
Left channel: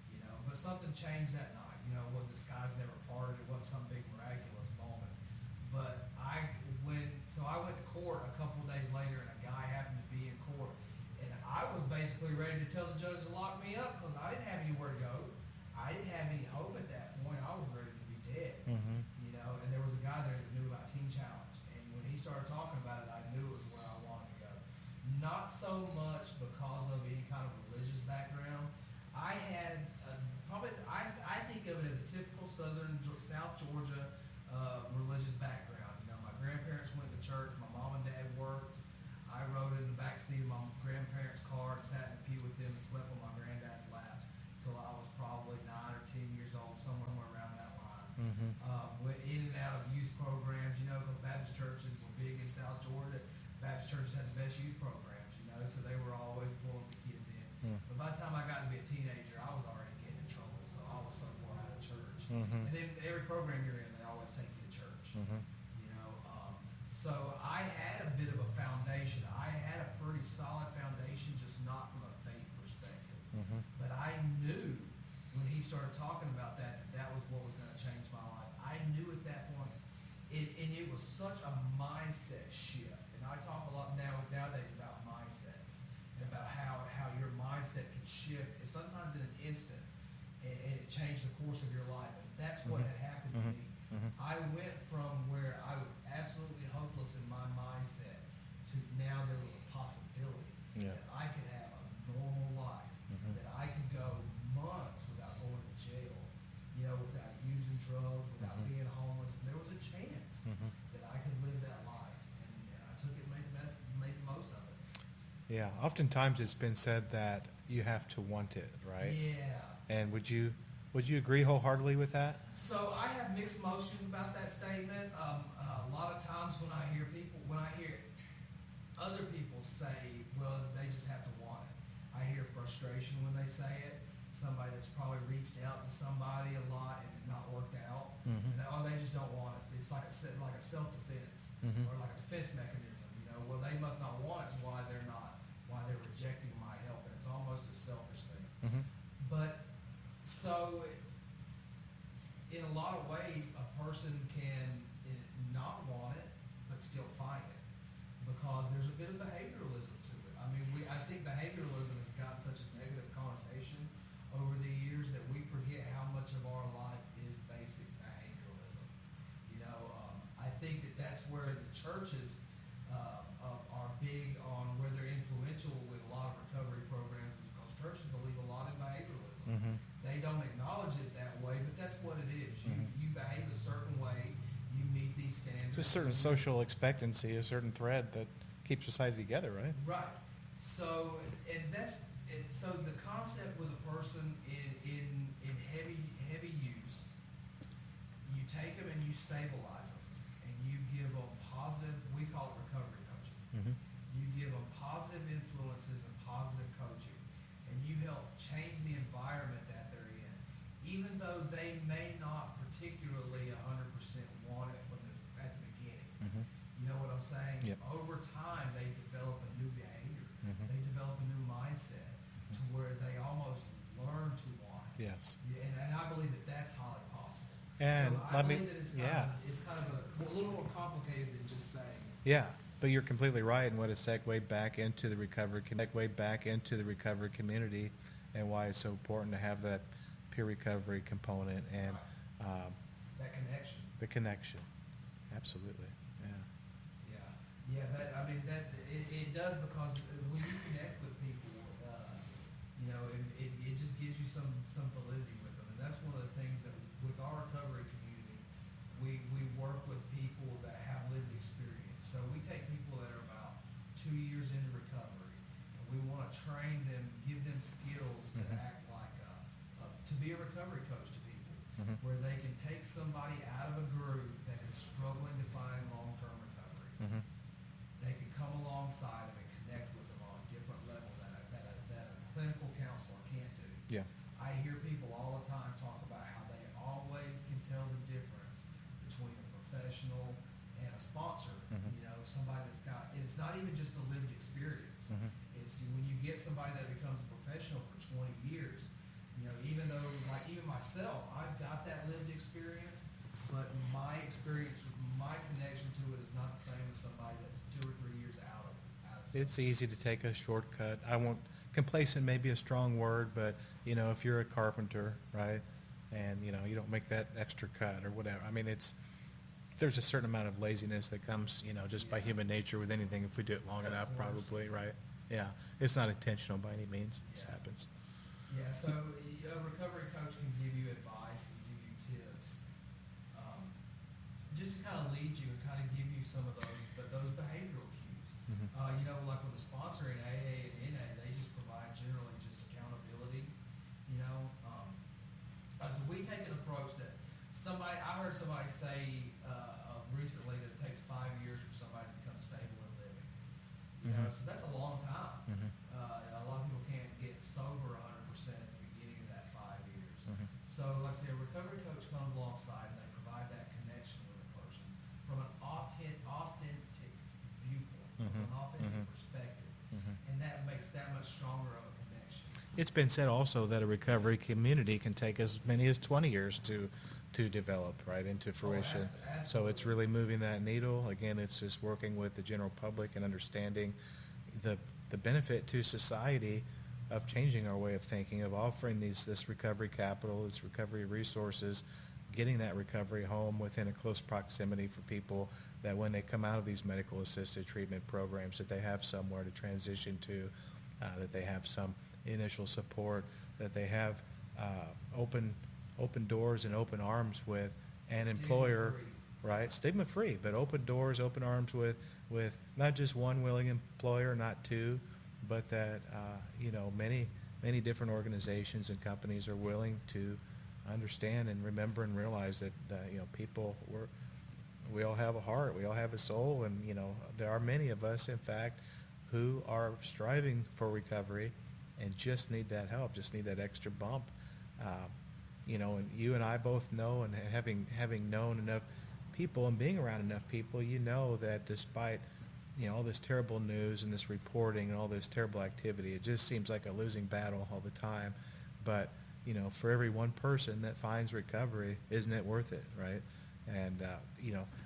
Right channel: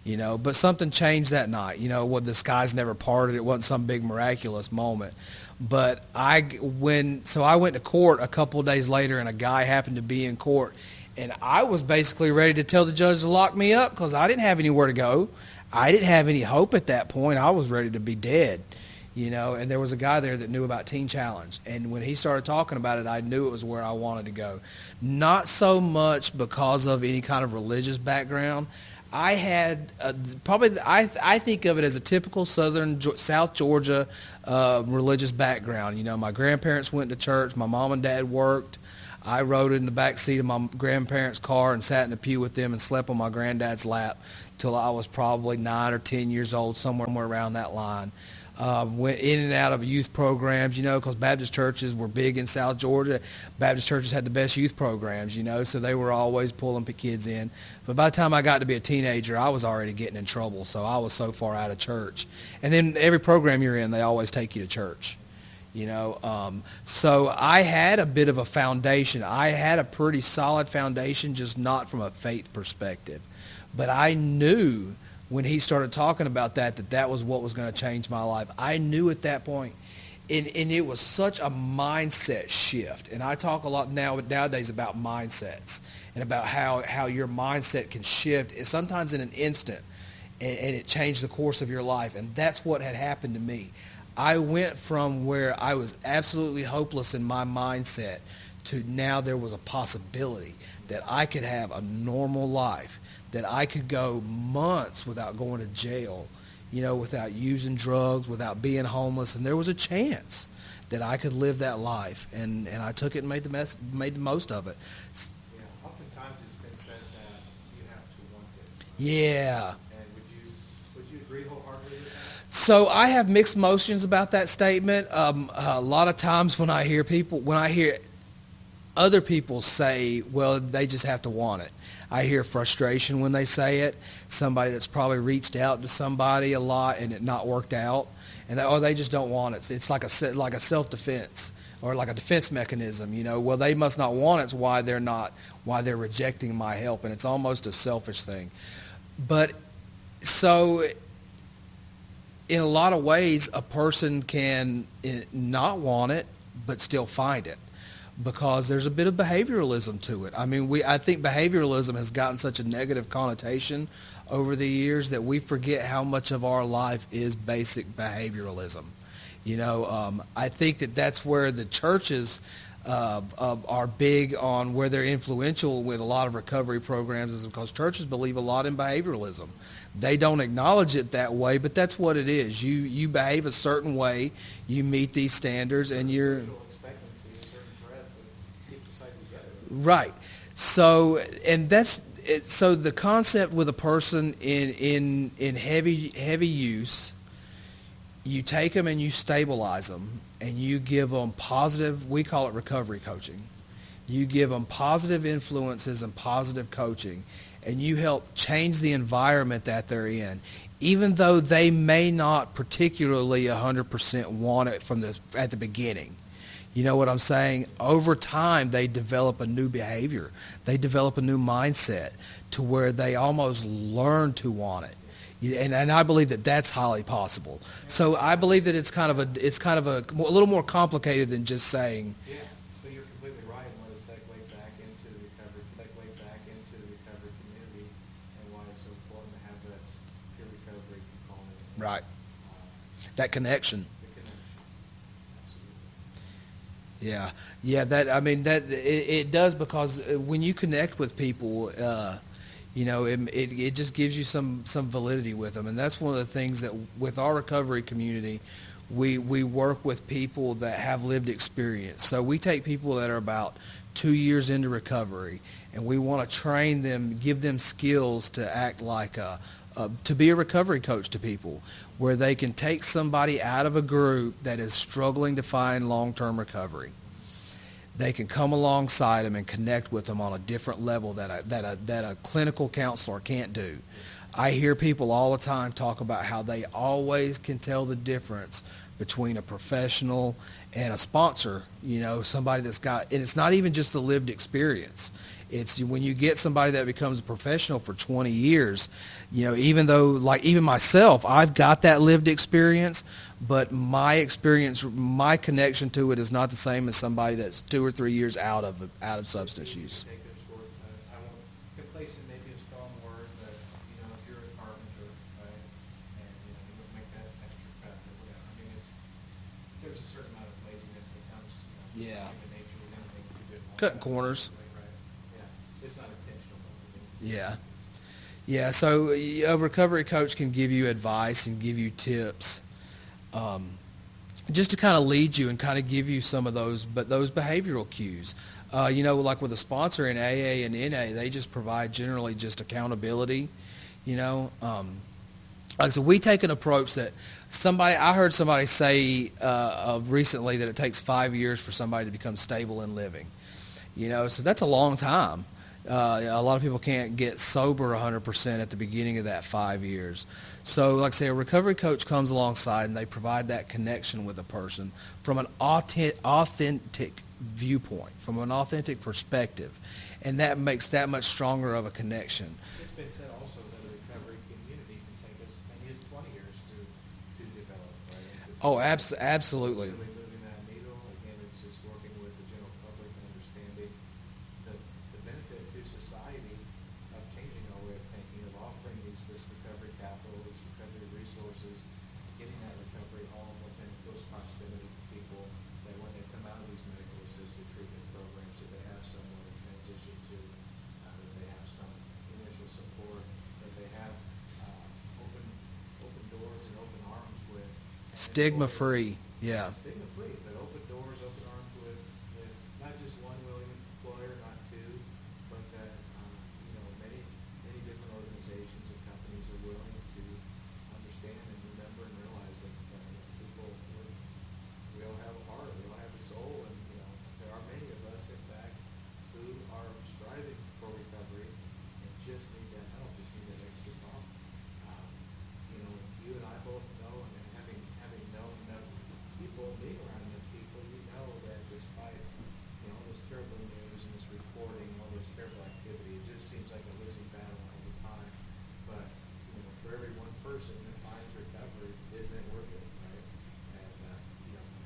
Yeah. But something changed that night. The skies never parted. It wasn't some big miraculous moment. But I went to court a couple of days later, and a guy happened to be in court, and I was basically ready to tell the judge to lock me up because I didn't have anywhere to go. I didn't have any hope at that point. I was ready to be dead, and there was a guy there that knew about Teen Challenge, and when he started talking about it, I knew it was where I wanted to go. Not so much because of any kind of religious background. I had I think of it as a typical South Georgia religious background. My grandparents went to church. My mom and dad worked. I rode in the back seat of my grandparents' car and sat in the pew with them and slept on my granddad's lap till I was probably 9 or 10 years old, somewhere around that line. Went in and out of youth programs, because Baptist churches were big in South Georgia. Baptist churches had the best youth programs, so they were always pulling kids in. But by the time I got to be a teenager, I was already getting in trouble, so I was so far out of church. And then every program you're in, they always take you to church. So I had a bit of a foundation. I had a pretty solid foundation, just not from a faith perspective. But I knew when he started talking about that was what was going to change my life. I knew at that point, and it was such a mindset shift. And I talk a lot nowadays about mindsets and about how your mindset can shift, sometimes in an instant, and it changed the course of your life. And that's what had happened to me. I went from where I was absolutely hopeless in my mindset to now there was a possibility that I could have a normal life, that I could go months without going to jail, without using drugs, without being homeless, and there was a chance that I could live that life, and I took it and made the most of it. Yeah, oftentimes it's been said that you have to want it, right? Yeah. And would you agree wholeheartedly with that? So I have mixed emotions about that statement. A lot of times when I hear other people say, well, they just have to want it, I hear frustration when they say it. Somebody that's probably reached out to somebody a lot and it not worked out, and they just don't want it. It's like a self-defense or like a defense mechanism. Well, they must not want it. It's why they're rejecting my help, and it's almost a selfish thing. But so in a lot of ways, a person can not want it but still find it, because there's a bit of behavioralism to it. I mean, I think behavioralism has gotten such a negative connotation over the years that we forget how much of our life is basic behavioralism. I think that's where the churches are big on, where they're influential with a lot of recovery programs, is because churches believe a lot in behavioralism. They don't acknowledge it that way, but that's what it is. You behave a certain way, you meet these standards, and you're social expectancy, a certain thread that keeps society together, right? Right. So, and that's it. So the concept with a person in heavy use, you take them and you stabilize them, and you give them positive, we call it recovery coaching. You give them positive influences and positive coaching, and you help change the environment that they're in, even though they may not particularly 100% want it at the beginning. You know what I'm saying? Over time, they develop a new behavior. They develop a new mindset to where they almost learn to want it. And I believe that that's highly possible. So I believe that it's kind of a little more complicated than just saying. Yeah, but you're completely right, and what a segue back into the recovery community, and why it's so important to have that peer recovery component. And, Right. That connection. The connection. Absolutely. Yeah. It does, because when you connect with people, it just gives you some validity with them, and that's one of the things that with our recovery community, we work with people that have lived experience. So we take people that are about 2 years into recovery, and we want to train them, give them skills to act like to be a recovery coach to people, where they can take somebody out of a group that is struggling to find long-term recovery. They can come alongside them and connect with them on a different level that a clinical counselor can't do. Yeah. I hear people all the time talk about how they always can tell the difference between a professional and a sponsor, somebody that's got, and it's not even just the lived experience. It's when you get somebody that becomes a professional for 20 years, even though, like even myself, I've got that lived experience, but my experience, my connection to it is not the same as somebody that's 2 or 3 years out of substance It's easy use. to take a shortcut. I won't, complacent may be a strong word, but if you're a carpenter, right, and you don't make that extra cut or whatever. I mean, there's a certain amount of laziness that comes, just by Yeah. human nature with anything if we do it long Cutting enough. corners. Probably, right? Yeah, it's not intentional by any means. It Yeah. happens. Yeah, so a recovery coach can give you advice and give you tips, just to kind of lead you and kind of give you some of those behavioral cues. Like with a sponsor in AA and NA, they just provide generally just accountability. So we take an approach that I heard somebody say recently that it takes 5 years for somebody to become stable in living. So that's a long time. A lot of people can't get sober 100% at the beginning of that 5 years. So like I say, a recovery coach comes alongside and they provide that connection with a person from an authentic viewpoint, from an authentic perspective. And that makes that much stronger of a connection. It's been said also that a recovery community can take as many as 20 years to develop, right, into fruition. Oh, absolutely. So it's really moving that needle. Again, it's just working with the general public and understanding the benefit to society of changing our way of thinking, of offering this recovery capital, this recovery resources, getting that recovery home within a close proximity for people, that when they come out of these medical assisted treatment programs, that they have somewhere to transition to, that they have some initial support, that they have open open doors and open arms with an Stigma employer. free. Yeah. Right, stigma free, but open doors, open arms with not just one willing employer, not two, but that many different organizations and companies are willing to understand and remember and realize that people we all have a heart, we all have a soul, and there are many of us, in fact, who are striving for recovery and just need that help, just need that extra bump. And you and I both know, and having known enough people and being around enough people, that despite all this terrible news and this reporting and all this terrible activity, it just seems like a losing battle all the time. But for every one person that finds recovery, isn't it worth it, right? And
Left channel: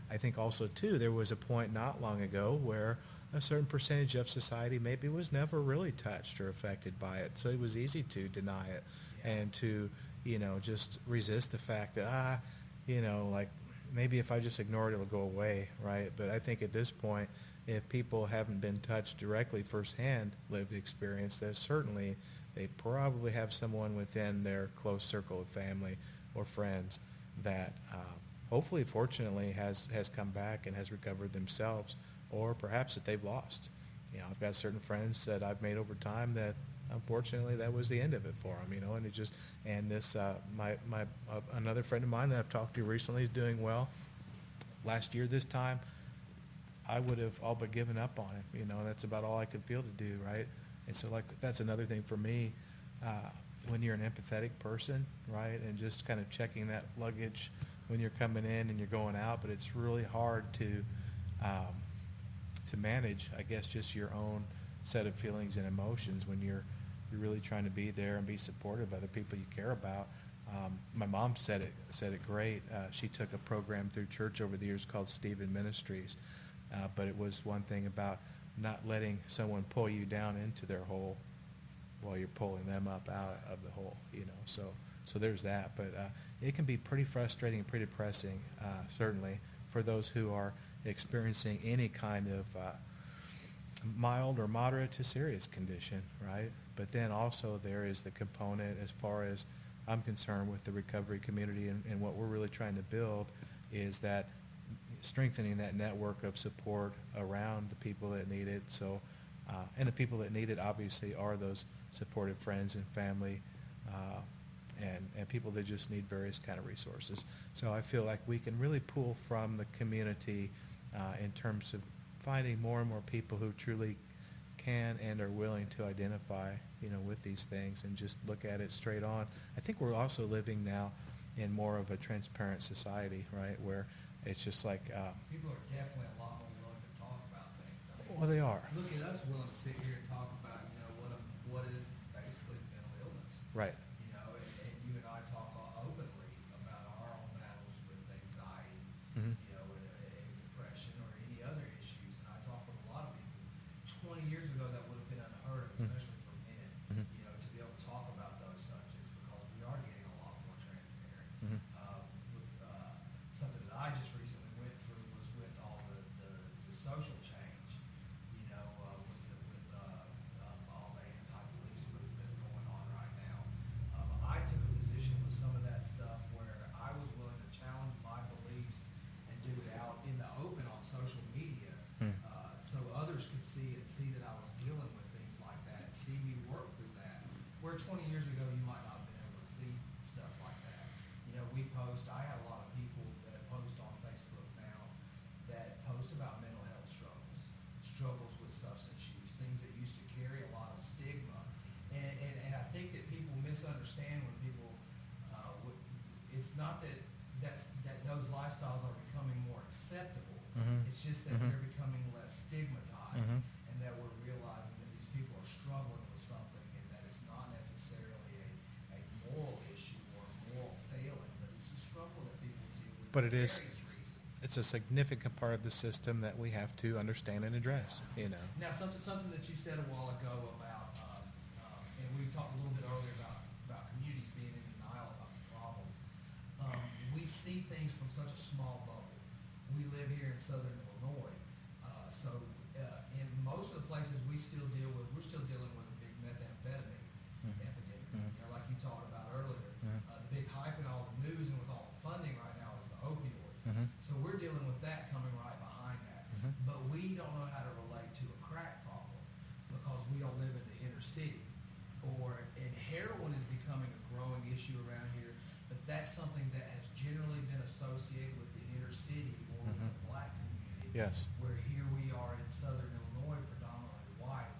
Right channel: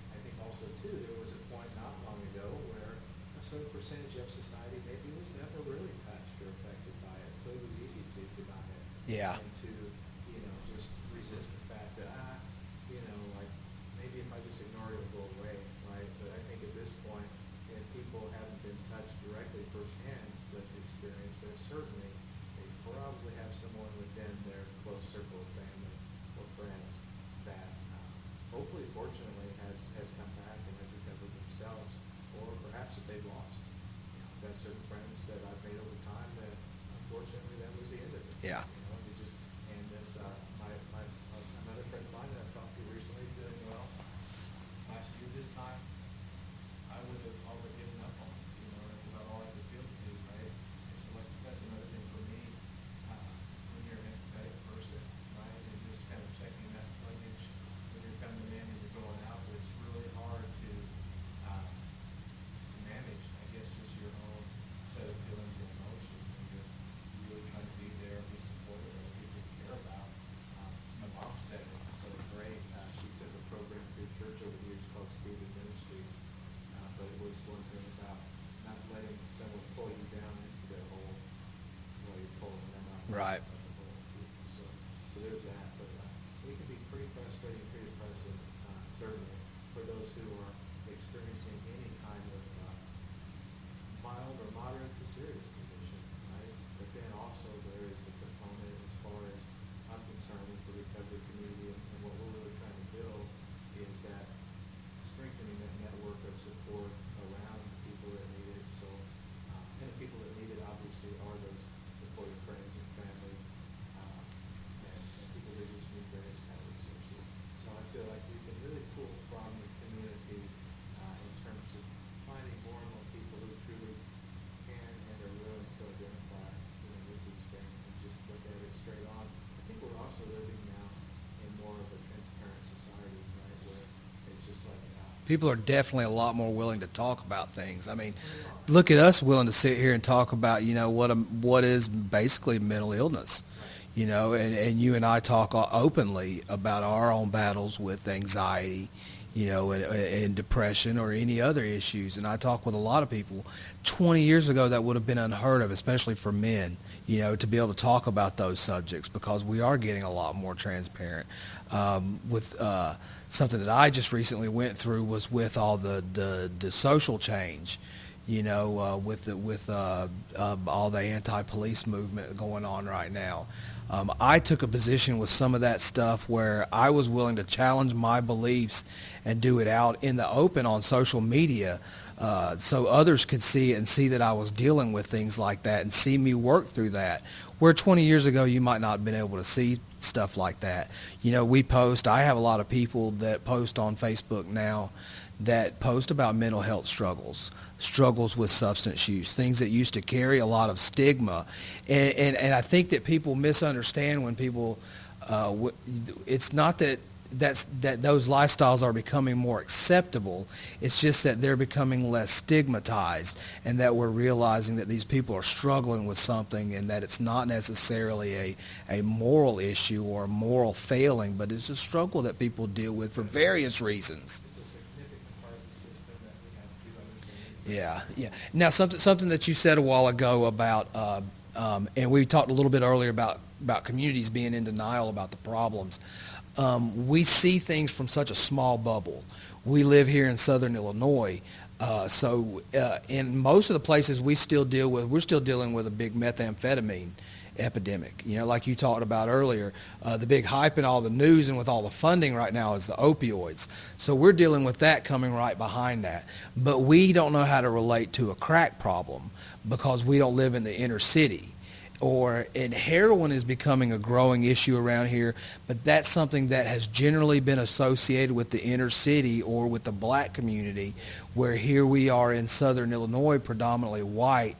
I think also too, there was a point not long ago where a certain percentage of society maybe was never really touched or affected by it, so it was easy to deny it. Yeah. And to just resist the fact that like maybe if I just ignore it, it'll go away, right? But I think at this point, if people haven't been touched directly firsthand, lived experience, that certainly they probably have someone within their close circle of family or friends that hopefully, fortunately, has come back and has recovered themselves, or perhaps that they've lost. I've got certain friends that I've made over time that unfortunately that was the end of it for Yeah. them, and it just, and this, another friend of mine that I've talked to recently is doing well. Last year this time, I would have all but given up on it, and that's about all I could feel to do, right? And so, like, that's another thing for me, when you're an empathetic person, right, and just kind of checking that luggage when you're coming in and you're going out, but it's really hard to manage, I guess, just your own set of feelings and emotions when you're really trying to be there and be supportive of the people you care about. My mom said it great. She took a program through church over the years called Stephen Ministries, but it was one thing about not letting someone pull you down into their hole while you're pulling them up Right. out of the hole. So there's that. But it can be pretty frustrating, pretty depressing, certainly, for those who are experiencing any kind of mild or moderate to serious condition, right? But then also there is the component, as far as I'm concerned, with the recovery community and what we're really trying to build, is that strengthening that network of support around the people that need it. So, and the people that need it obviously are those supportive friends and family, and people that just need various kind of resources. So I feel like we can really pull from the community in terms of finding more and more people who truly can and are willing to identify, with these things and just look at it straight on. I think we're also living now in more of a transparent society, right, where it's just like People are definitely a lot more willing to talk about things. I mean, well, they are. look at us willing to sit here and talk about, what is basically mental illness. Right. And you and I talk openly about our own battles with anxiety, and depression or any other issues. And I talk with a lot of people. 20 years ago, that would have been unheard of, especially for men, to be able to talk about those subjects, because we are getting a lot more transparent. With something that I just recently went through was with all the social change, with all the anti-police movement going on right now. I took a position with some of that stuff where I was willing to challenge my beliefs and do it out in the open on social media, so others could see it and see that I was dealing with things like that and see me work through that. Where 20 years ago you might not have been able to see stuff like that. We post, I have a lot of people that post on Facebook now that post about mental health struggles with substance use, things that used to carry a lot of stigma. And I think that people misunderstand when people, it's not that those lifestyles are becoming more acceptable. It's just that they're becoming less stigmatized, and that we're realizing that these people are struggling with something, and that it's not necessarily a moral issue or a moral failing, but it's a struggle that people deal with for various reasons. It's a significant part of the system that we have to understand and address. Yeah. Now, something that you said a while ago about, and we talked a little bit earlier about communities being in denial about the problems. We see things from such a small bubble. We live here in Southern Illinois, so in most of the places we're still dealing with a big methamphetamine epidemic. Like you talked about earlier, the big hype in all the news and with all the funding right now is the opioids. So we're dealing with that coming right behind that. But we don't know how to relate to a crack problem because we don't live in the inner city. And heroin is becoming a growing issue around here, but that's something that has generally been associated with the inner city or with the black community, Yes. where here we are in southern Illinois, predominantly white,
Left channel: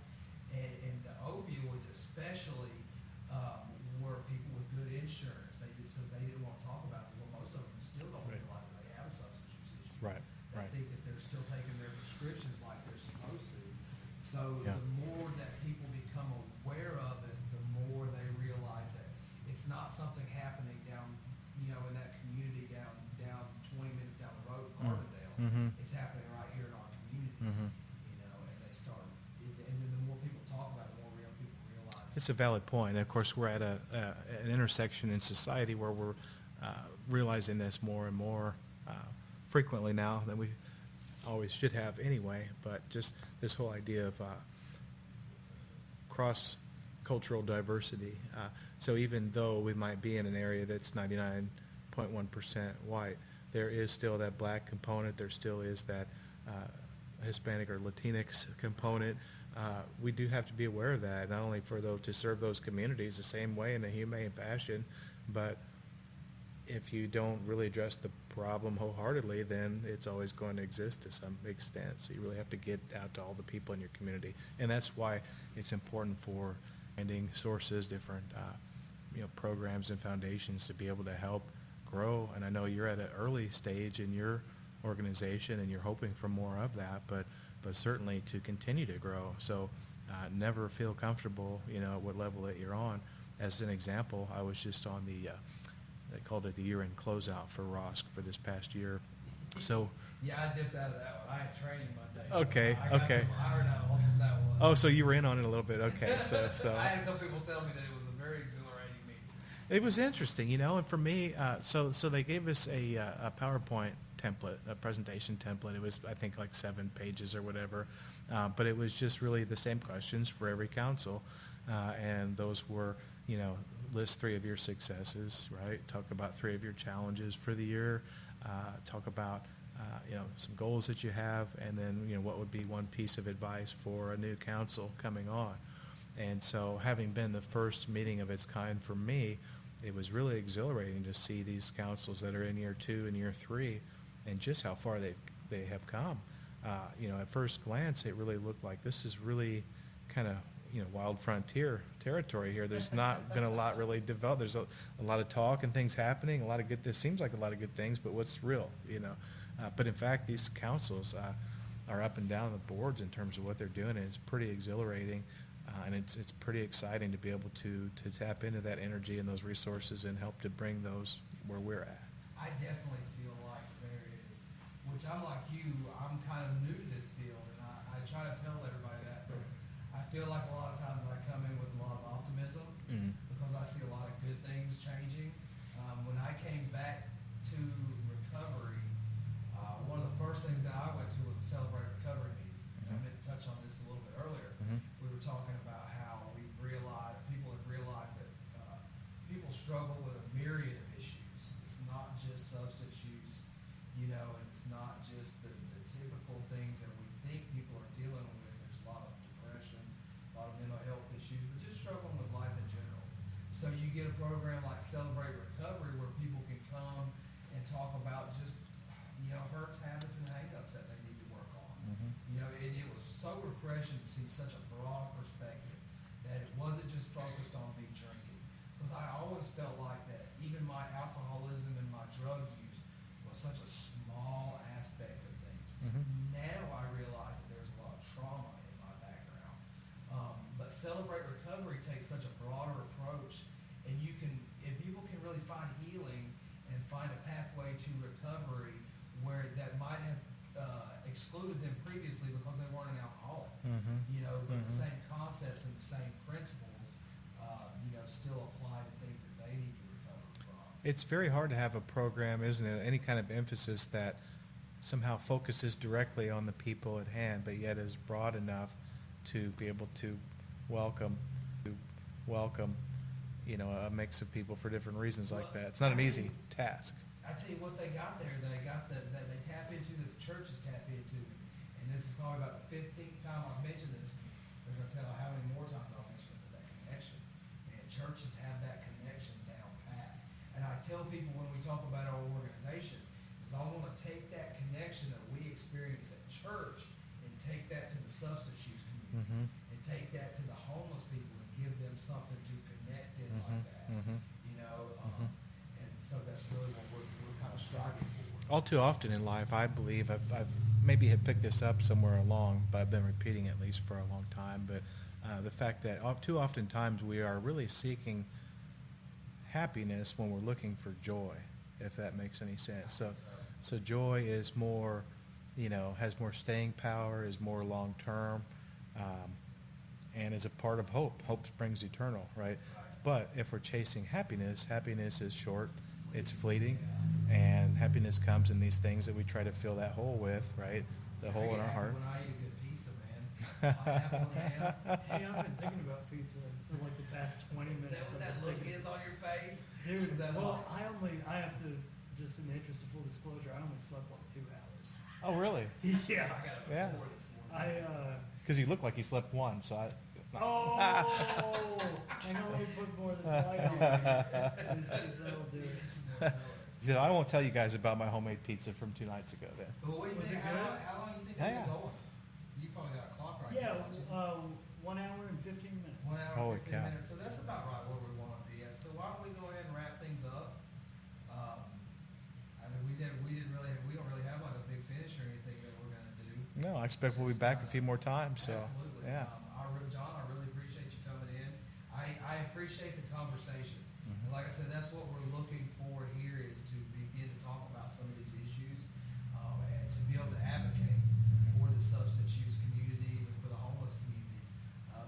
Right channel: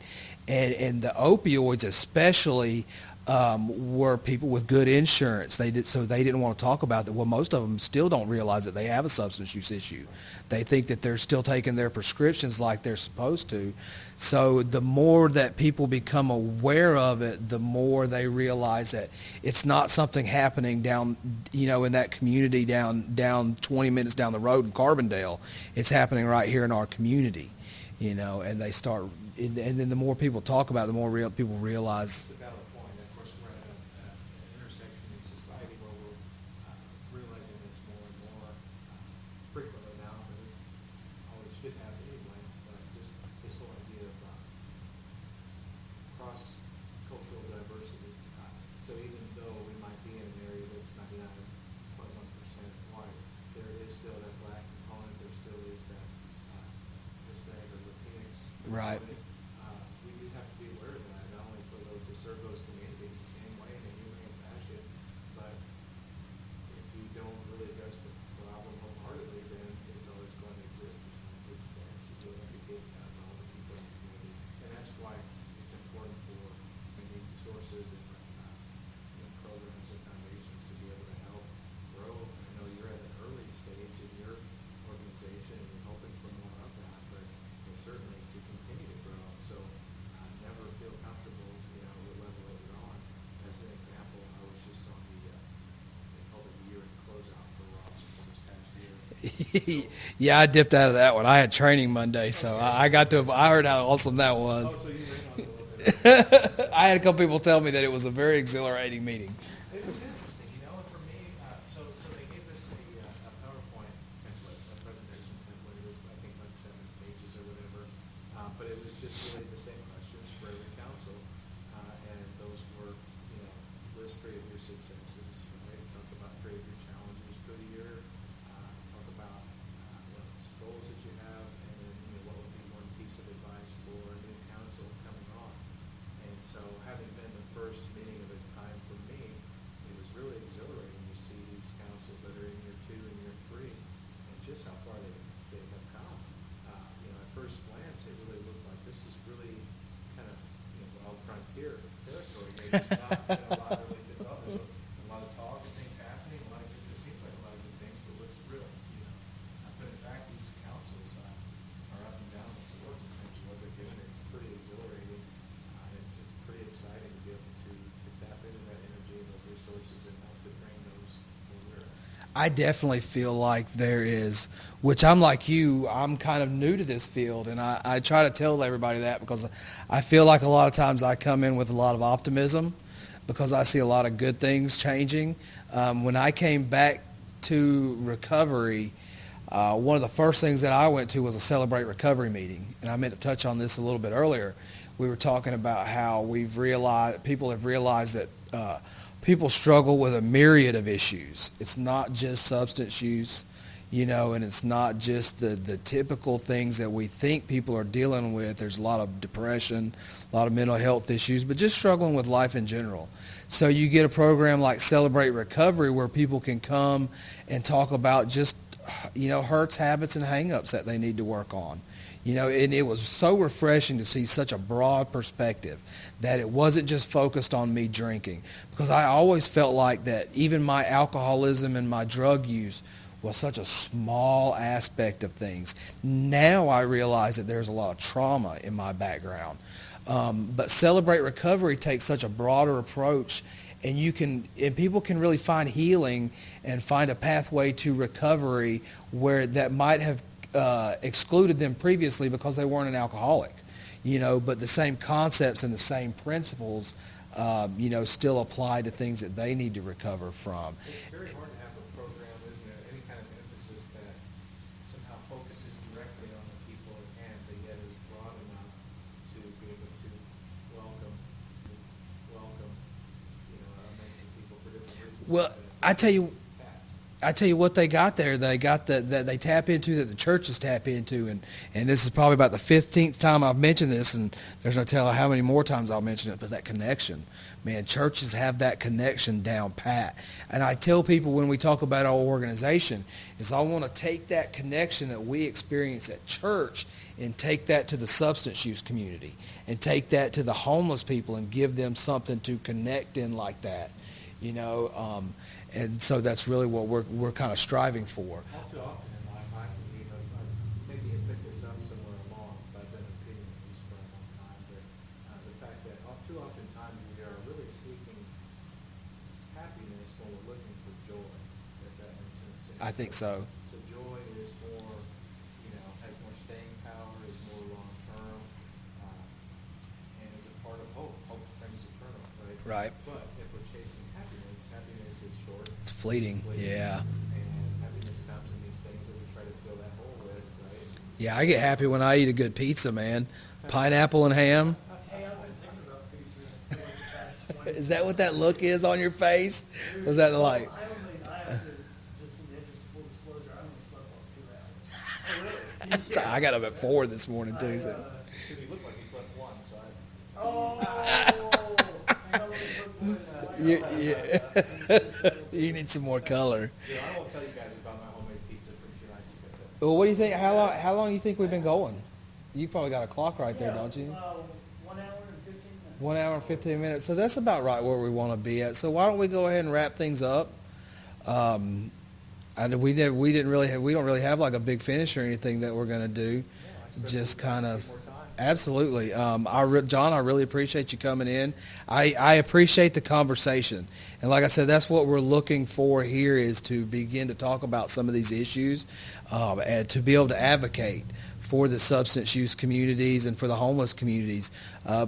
and the opioids especially were people with good insurance. They didn't want to talk about that. Well, most of them still don't realize that they have a substance use issue. Right. They think that they're still taking their prescriptions like they're supposed to. So the more that people become aware of it, the more they realize that it's not something happening down, in that community down 20 minutes down the road in Carbondale. It's happening right here in our community, and they start, and then the more people talk about it, the more people realize. It's a valid point. And of course, we're at an intersection in society where we're realizing this more and more frequently now than we always should have anyway. But just this whole idea of cross-cultural diversity. So even though we might be in an area that's 99.1% white, there is still that black component. There still is that Hispanic or Latinx component. Right. We do have to be aware of that, not only to serve those communities the same way in a humane fashion, but if you don't really address the problem wholeheartedly, then it's always going to exist to some extent. So you really have to get out to all the people in your community, and that's why it's important for finding sources, different programs and foundations to be able to help grow. And I know you're at an early stage in your organization, and you're hoping for more of that, but certainly to continue to grow. So never feel comfortable, at what level that you're on. As an example, I was just on they called it the year-end closeout for ROSC for this past year. So, Yeah, I dipped out of that one. I had training Monday, so Okay, I got to. I heard how awesome that was. oh, so you were in on it a little bit. Okay. So I had a couple people tell me that it was a very exhilarating meeting. it was interesting, and for me, so they gave us a PowerPoint template, a presentation template. It was, I think, like 7 pages or whatever, but it was just really the same questions for every council, and those were, list 3 of your successes, right? Talk about 3 of your challenges for the year. Talk about some goals that you have, and then what would be one piece of advice for a new council coming on. And so, having been the first meeting of its kind for me, it was really exhilarating to see these councils that are in year 2 and year 3, and just how far they have come. At first glance, it really looked like this is really kind of wild frontier territory here. There's not been a lot really developed. There's a lot of talk and things happening. This seems like a lot of good things, but what's real? But in fact, these councils are up and down the boards in terms of what they're doing, and it's pretty exhilarating, and it's pretty exciting to be able to tap into that energy and those resources and help to bring those where we're at. I definitely feel like there is, which I'm like you, I'm kind of new to this field, and I try to tell everybody that because I feel like a lot of times I come in with a lot of optimism because I see a lot of good things changing. When I came back to recovery, one of the first things that I went to was a Celebrate Recovery meeting, and I meant to touch on this a little bit earlier. We were talking about how people have realized that people struggle with a myriad of issues. It's not just substance use, and it's not just the typical things that we think people are dealing with. There's a lot of depression, a lot of mental health issues, but just struggling with life in general. So you get a program like Celebrate Recovery where people can come and talk about just, hurts, habits, and hang-ups that they need to work on. And it was so refreshing to see such a broad perspective that it wasn't just focused on me drinking, because I always felt like that even my alcoholism and my drug use was such a small aspect of things. Now I realize that there's a lot of trauma in my background. But Celebrate Recovery takes such a broader approach, and people can really find healing and find a pathway to recovery where that might have excluded them previously because they weren't an alcoholic, but the same concepts and the same principles, still apply to things that they need to recover from. It's very hard to have a program, isn't it? Any kind of emphasis that somehow focuses directly on the people at hand, but yet is broad enough to be able to welcome a mix of people for different reasons Well, like that. It's not I an tell easy you- task. I tell you what they got there. They got that they tap into, that the churches tap into, and this is probably about the 15th time I've mentioned this, and there's no telling how many more times I'll mention it, but that connection. Man, churches have that connection down pat. And I tell people when we talk about our organization is I want to take that connection that we experience at church and take that to the substance use community and take that to the homeless people and give them something to connect in like that. And so that's really what we're kind of striving for. All too often in life, I believe, I've maybe had picked this up somewhere along, but I've been repeating it at least for a long time, but the fact that too often times we are really seeking happiness when we're looking for joy, if that makes any sense. I think so. So joy is more, has more staying power, is more long-term, and is a part of hope. Hope springs eternal, right? Right. But if we're chasing happiness, happiness is short. It's fleeting. Yeah. And happiness comes in these things that we try to fill that hole with, right? Yeah, I get happy when I eat a good pizza, man. Pineapple and ham. Hey, I've been thinking about pizza for like the past 20 Is that what that look is on your face? Or is that the light? I have to, just in the interest of full disclosure, I only slept like 2 hours. Oh, really? Yeah. I got up at 4 this morning, too. So. Because he looked like he slept one, so I... Oh, I know what the boys like. You need some more color. Yeah, I won't tell you guys about my homemade pizza from 2 nights ago. Well, what do you think? How long do you think we've been going? You probably got a clock right there, don't you? 1 hour and 15 minutes. 1 hour and Holy 15 cow. minutes. So that's about right where we want to be at. So why don't we go ahead and wrap things up? We don't really have like a big finish or anything that we're going to do. No, I expect Just we'll be back kind a of- few more times. so. Absolutely. John, I really appreciate you coming in. I appreciate the conversation. And like I said, that's what we're looking for here, is to begin to talk about some of these issues and to be able to advocate for the substance use communities and for the homeless communities,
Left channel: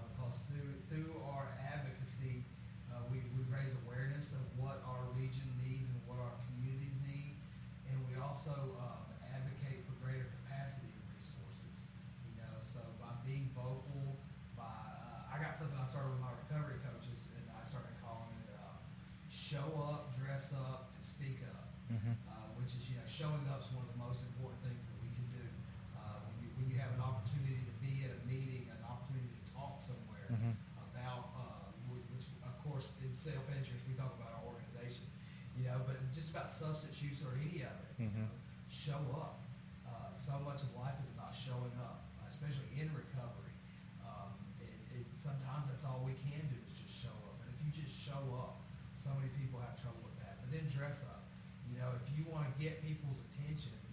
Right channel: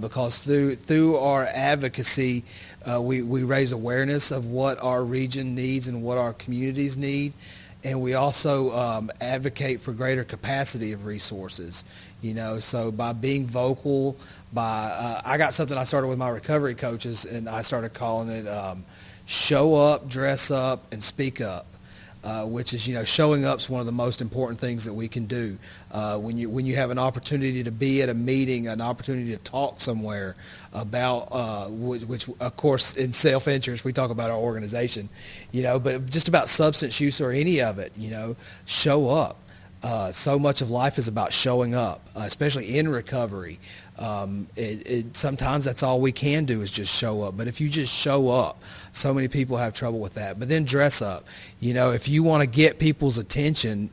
because through our advocacy, we raise awareness of what our region needs and what our communities need. And we also advocate for greater capacity of resources, so by being vocal, I got something I started with my recovery coaches, and I started calling it show up, dress up, and speak up. Which is, showing up is one of the most important things that we can do. When you have an opportunity to be at a meeting, an opportunity to talk somewhere about, which of course in self-interest, we talk about our organization, but just about substance use or any of it, show up. So much of life is about showing up, especially in recovery. Sometimes that's all we can do is just show up. But if you just show up, so many people have trouble with that. But then dress up. If you want to get people's attention,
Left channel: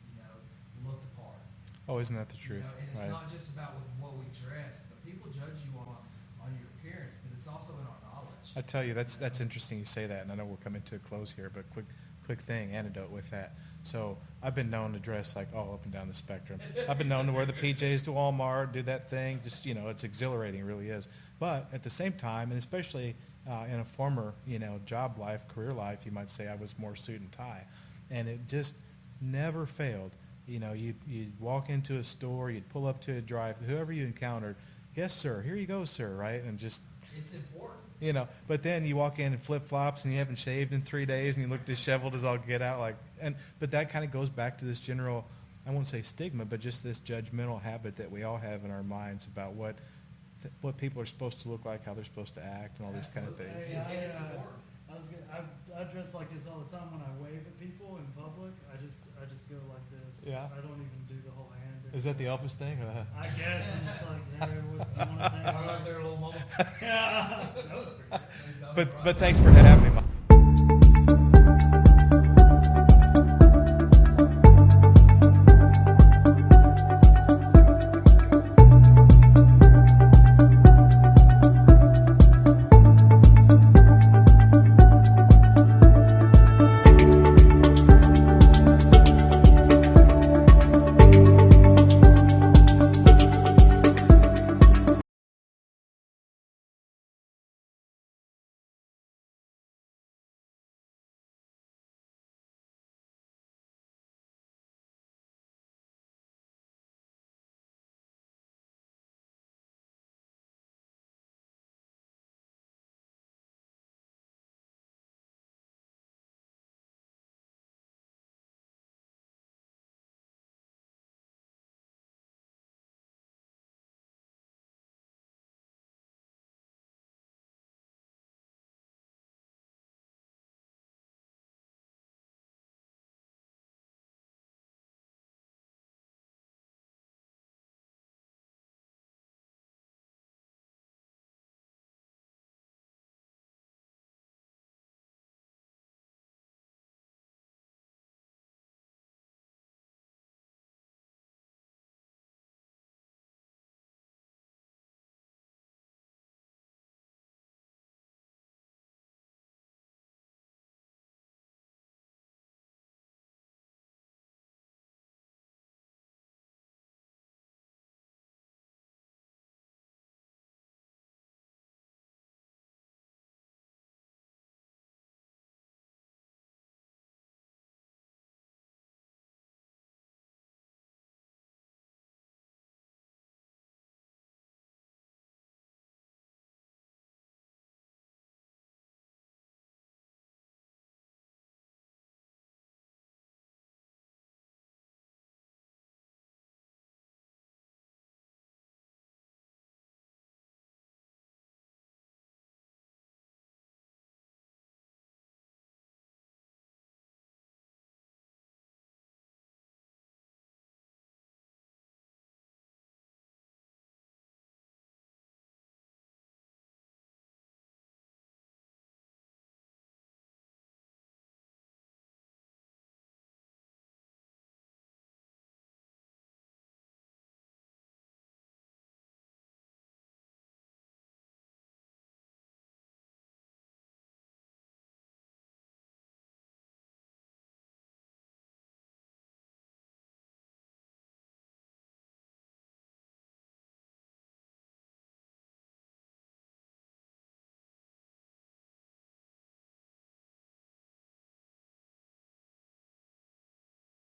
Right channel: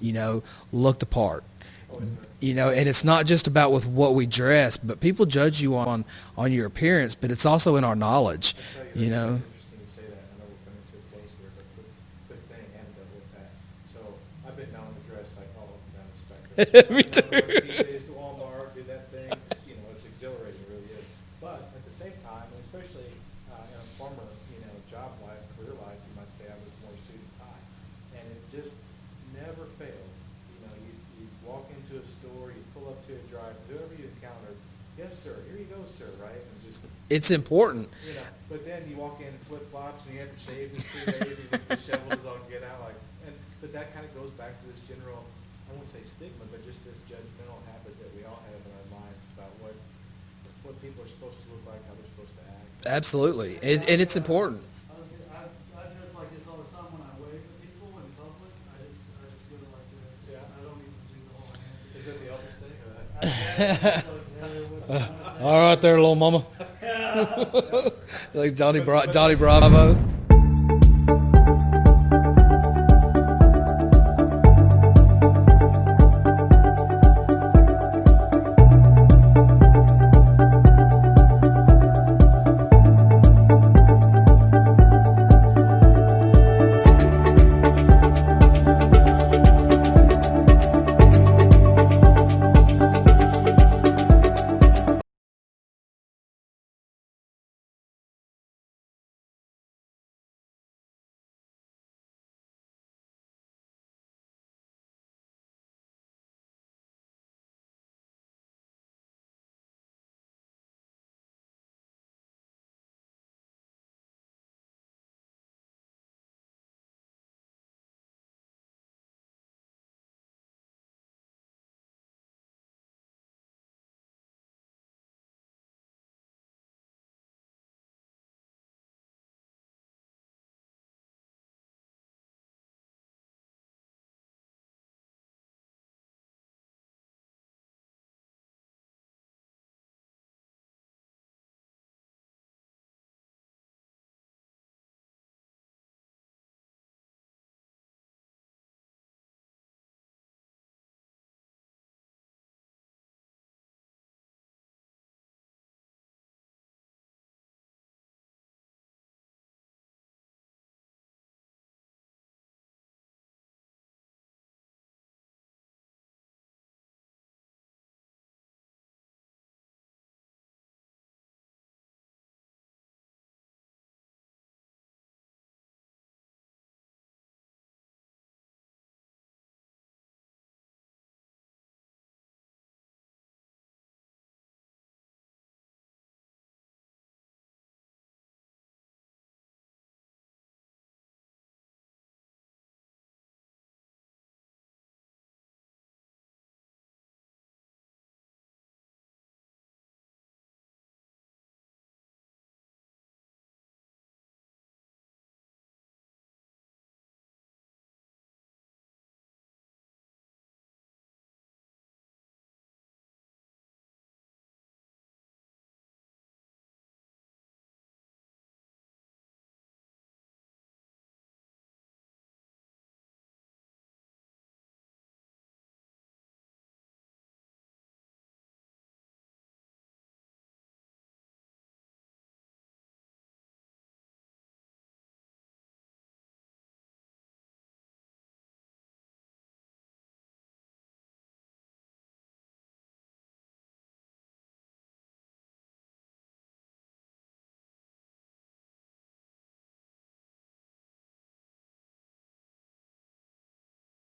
look the part. Oh, isn't that the truth? And it's not just about with what we dress, but people judge you on your appearance, but it's also in our knowledge. I tell you, that's interesting you say that, and I know we're coming to a close here, but quick thing, anecdote with that. So I've been known to dress like all up and down the spectrum. I've been known to wear the PJs to Walmart, do that thing. Just, it's exhilarating, it really is. But at the same time, and especially in a former, job life, career life, you might say I was more suit and tie. And it just never failed. You'd walk into a store, you'd pull up to a drive, whoever you encountered, yes, sir, here you go, sir, right? And just... It's important. But then you walk in in flip-flops and you haven't shaved in 3 days and you look disheveled as all get out. But that kind of goes back to this general, I won't say stigma, but just this judgmental habit that we all have in our minds about what people are supposed to look like, how they're supposed to act. Absolutely. And it's important. I dress like this all the time when I wave to people in public. I just go like this. Yeah. I don't even do the whole hand. Is that the Elvis thing? I guess it's like, hey, what's you wanna say? All right there, little mama. Yeah. Like Johnny But Johnny thanks for Bravo.